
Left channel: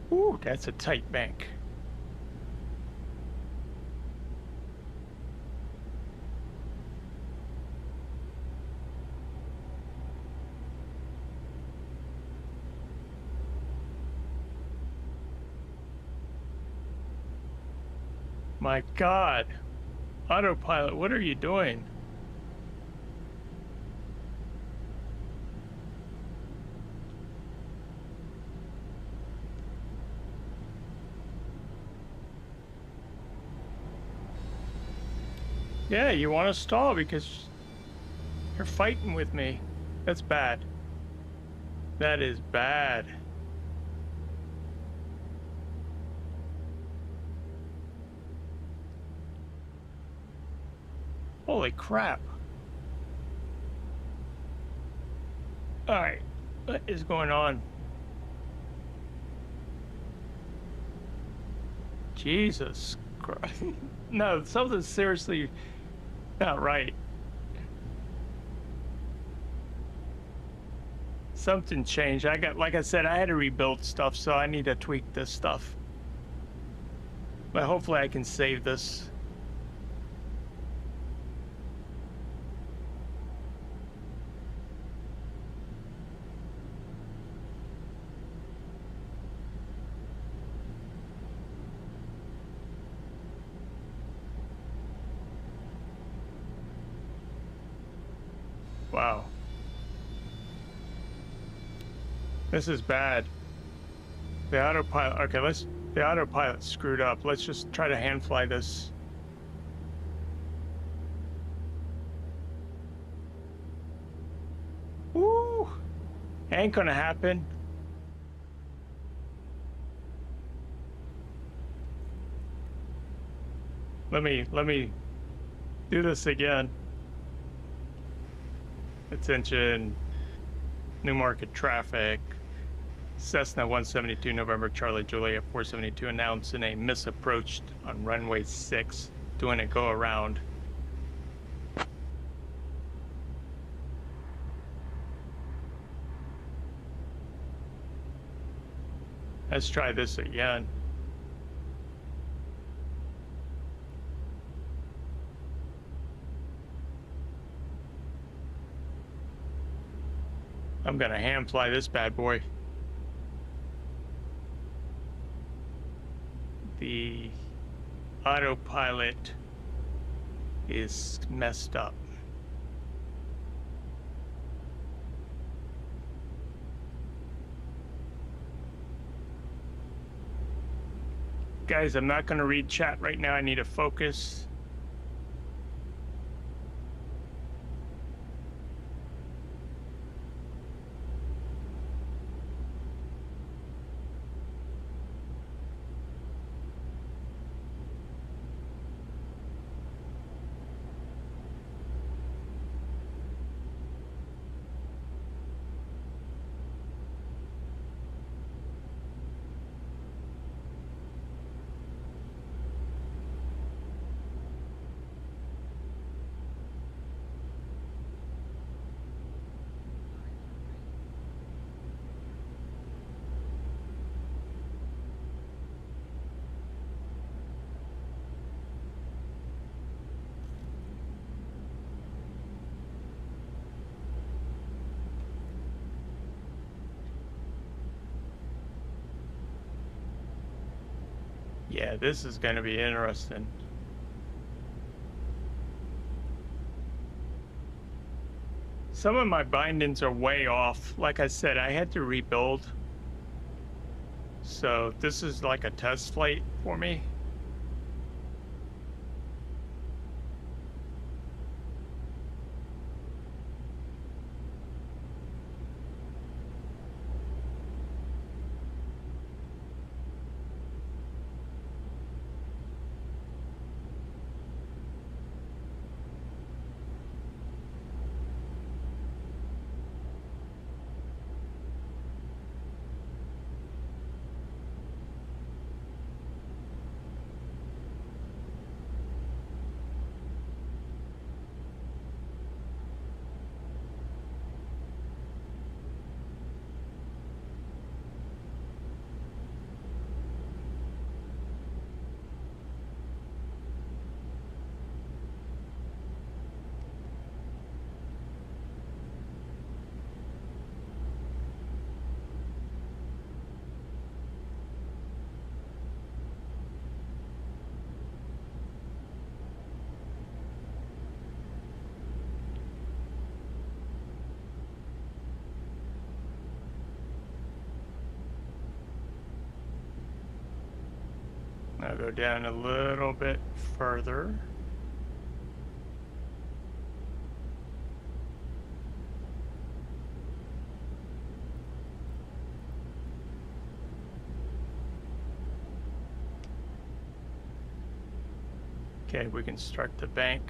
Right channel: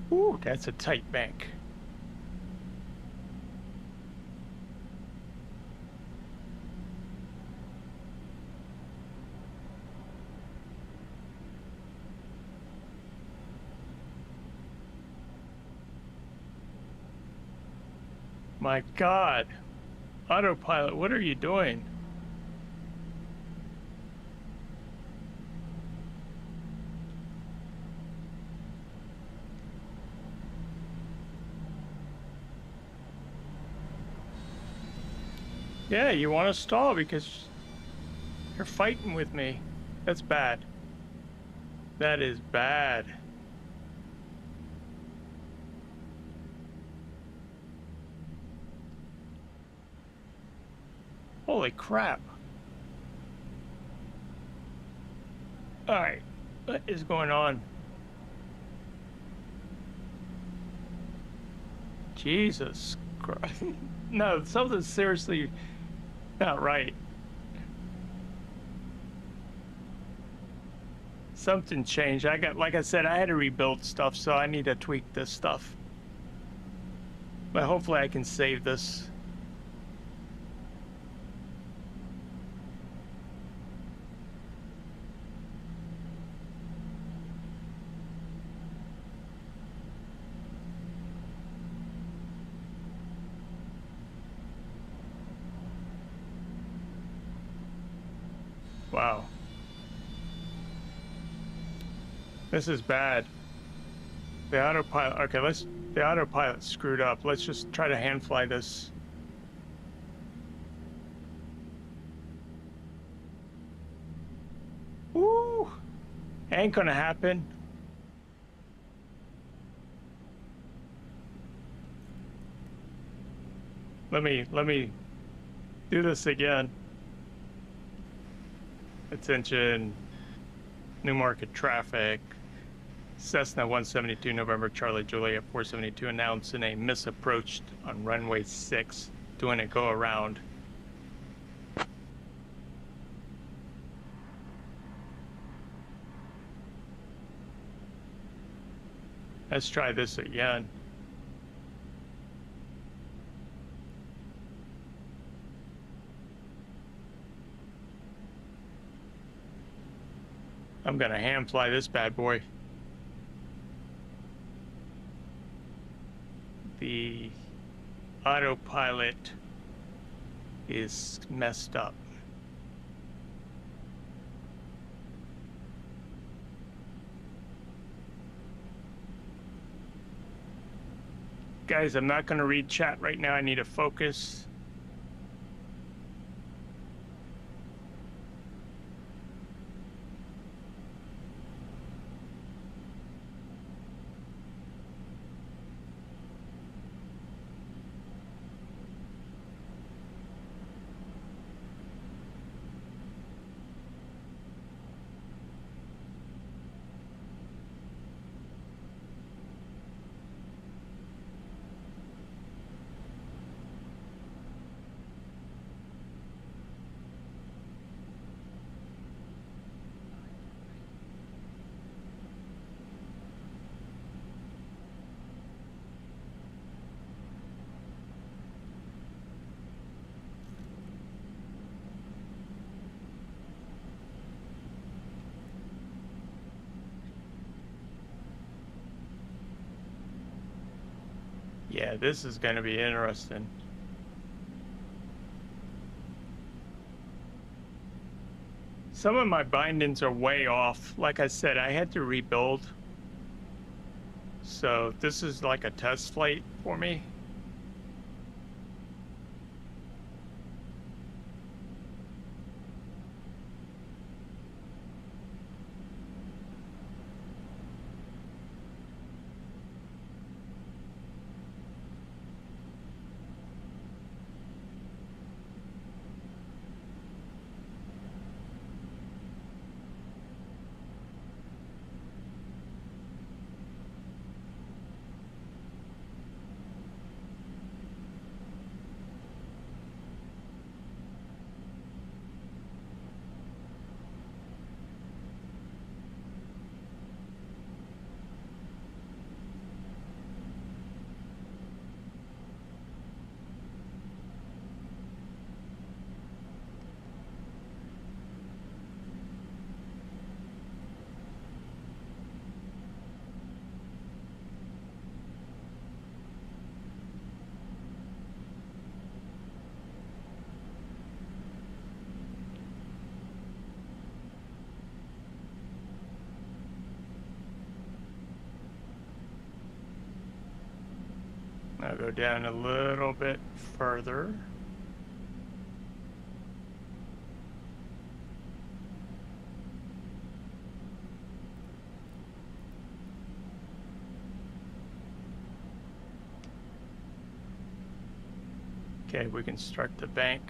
Ooh, that's a tight bank. My God, autopilot, what are you doing? Yeah, you want to stall because you're fighting with me. That's bad. That is bad. Holy crap. Alright, what is going on? Jesus Christ. No, something's seriously not right. Something changed. Like I said, I had to rebuild stuff, so I need to tweak this stuff. But hopefully I can save this. Wow. This is bad. The autopilot, okay, the autopilot screwed up. Let's just try to hand fly this. Woo! Ain't gonna happen. Let me do this again. Attention, New Market traffic, Cessna 172, November Charlie Juliet 472 announcing a misapproached on runway 6, doing a go around. Let's try this again. I'm gonna hand fly this bad boy. The autopilot is messed up. Guys, I'm not going to read chat right now. I need to focus. Yeah, this is going to be interesting. Some of my bindings are way off. Like I said, I had to rebuild. So this is like a test flight for me. I'll go down a little bit further. Okay, we can start the bank.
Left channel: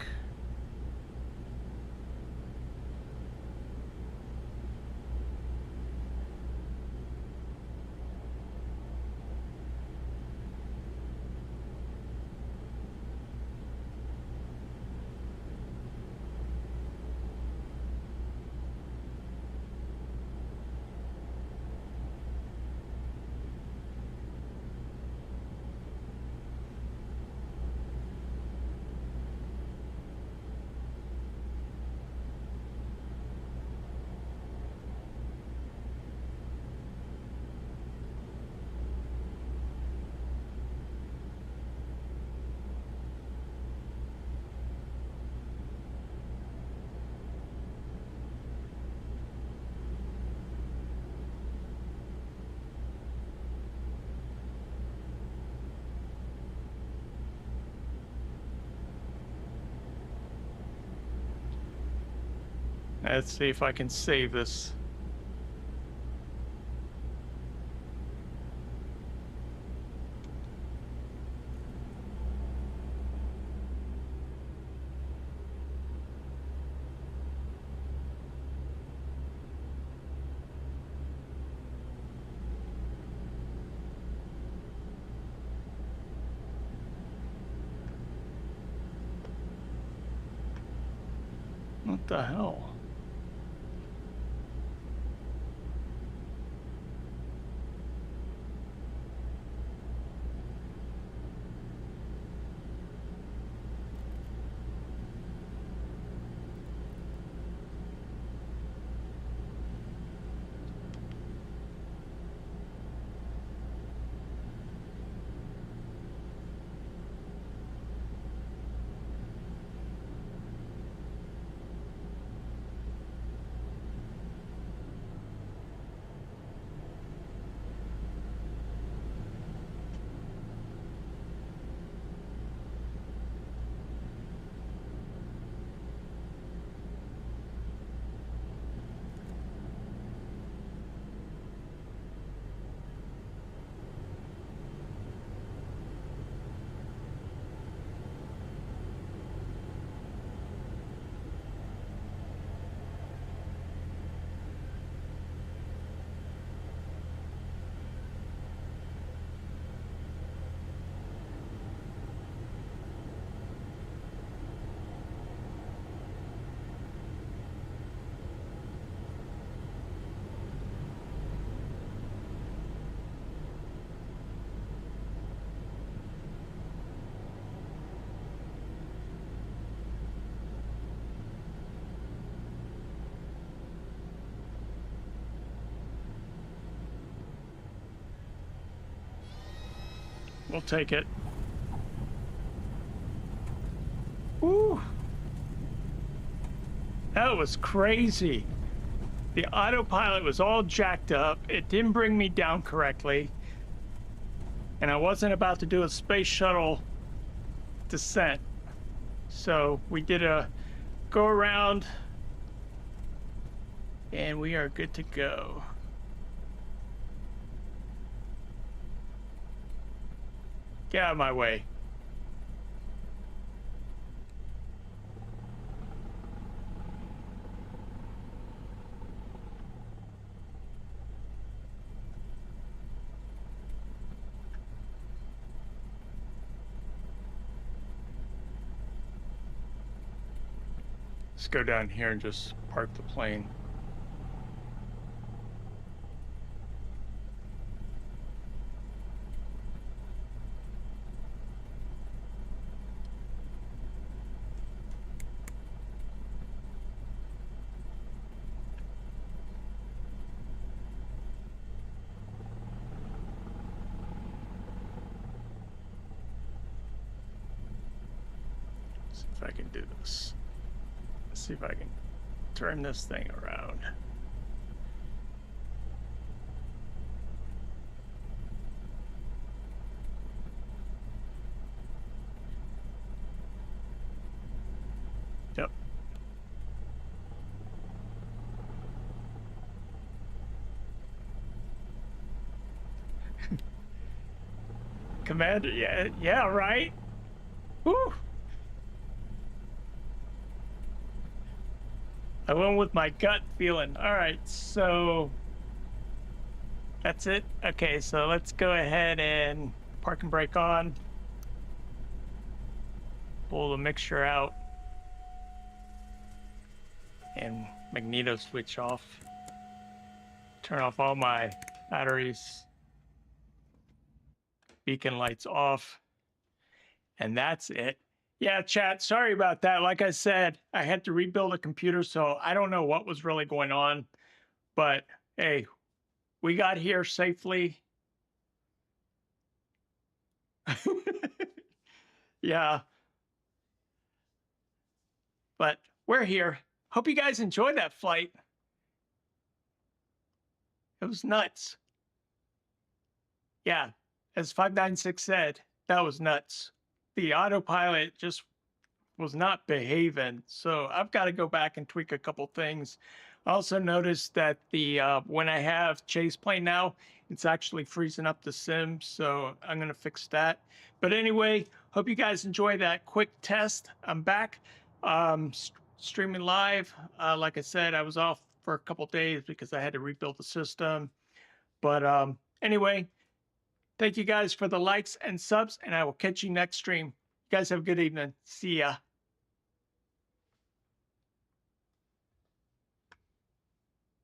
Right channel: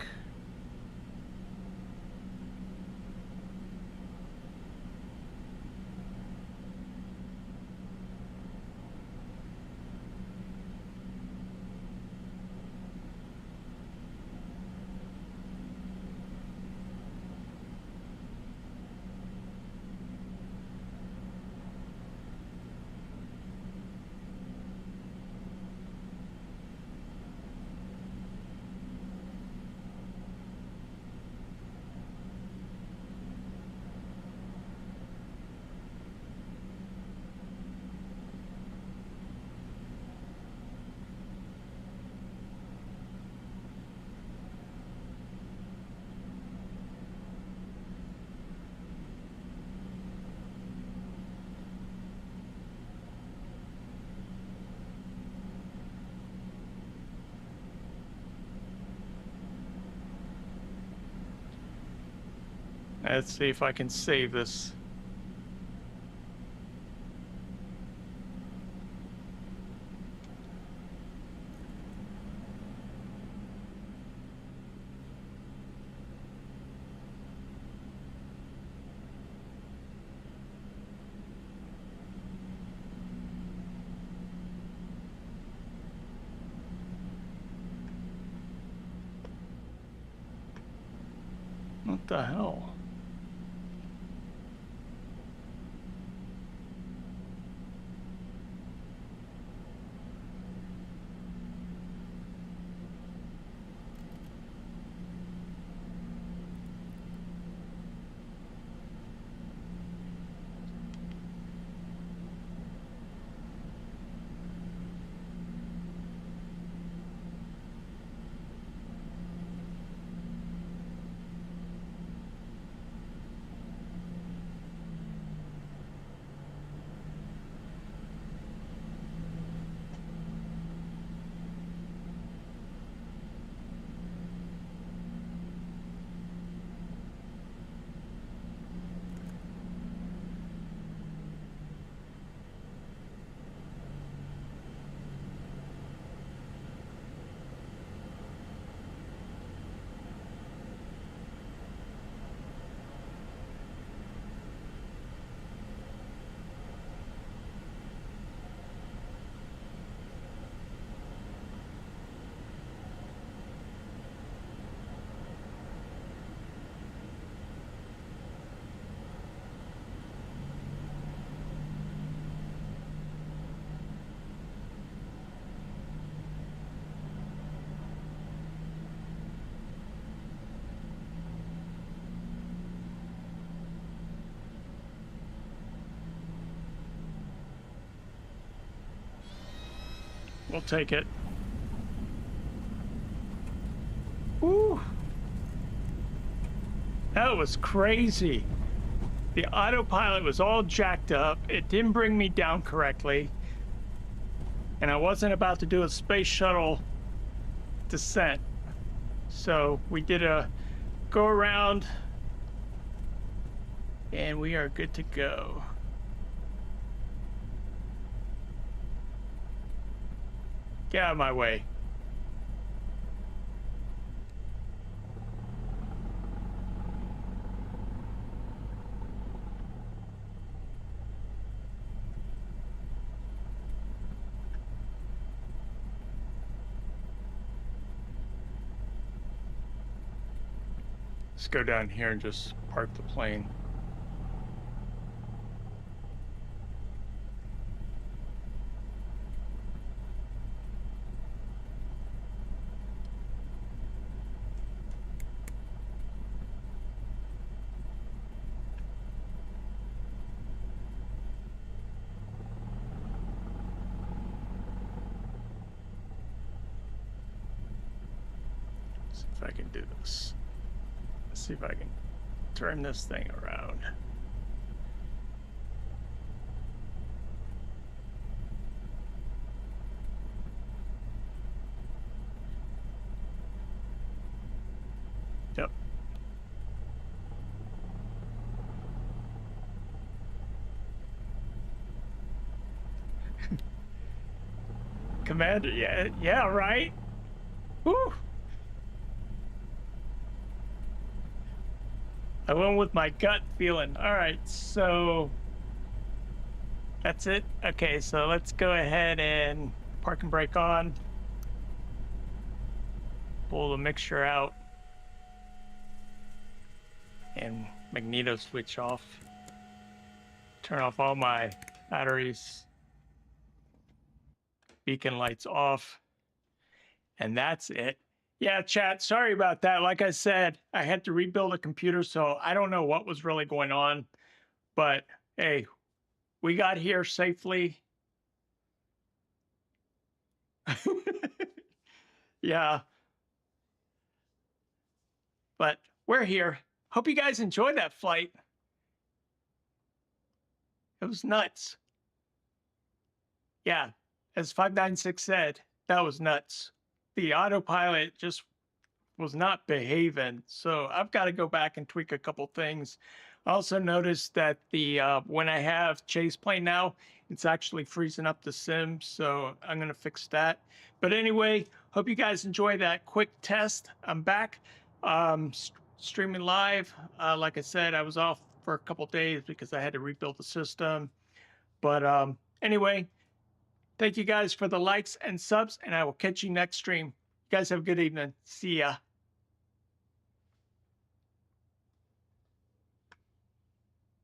Let's see if I can save this. What the hell? We'll take it. Woo! That was crazy. The autopilot was all jacked up. It didn't bring me down correctly. And I wasn't about to do a space shuttle descent. So we did a go around and we are good to go. Get out of my way. Let's go down here and just park the plane. See if I can do this. See if I can turn this thing around. Yep. Commander, yeah, right? Woo! I went with my gut feeling. All right, so that's it. Okay, so let's go ahead and park and brake on. Pull the mixture out. And magneto switch off. Turn off all my batteries. Beacon lights off. And that's it. Yeah, chat, sorry about that. Like I said, I had to rebuild a computer, so I don't know what was really going on. But, hey, we got here safely. Yeah. But we're here. Hope you guys enjoyed that flight. It was nuts. Yeah, as 596 said, that was nuts. The autopilot just was not behaving, so I've got to go back and tweak a couple things. I also noticed that the when I have Chase Plane now, it's actually freezing up the sim, so I'm gonna fix that. But anyway, hope you guys enjoy that quick test. I'm back, streaming live. Like I said, I was off for a couple days because I had to rebuild the system. But anyway, thank you guys for the likes and subs, and I will catch you next stream. You guys have a good evening. See ya.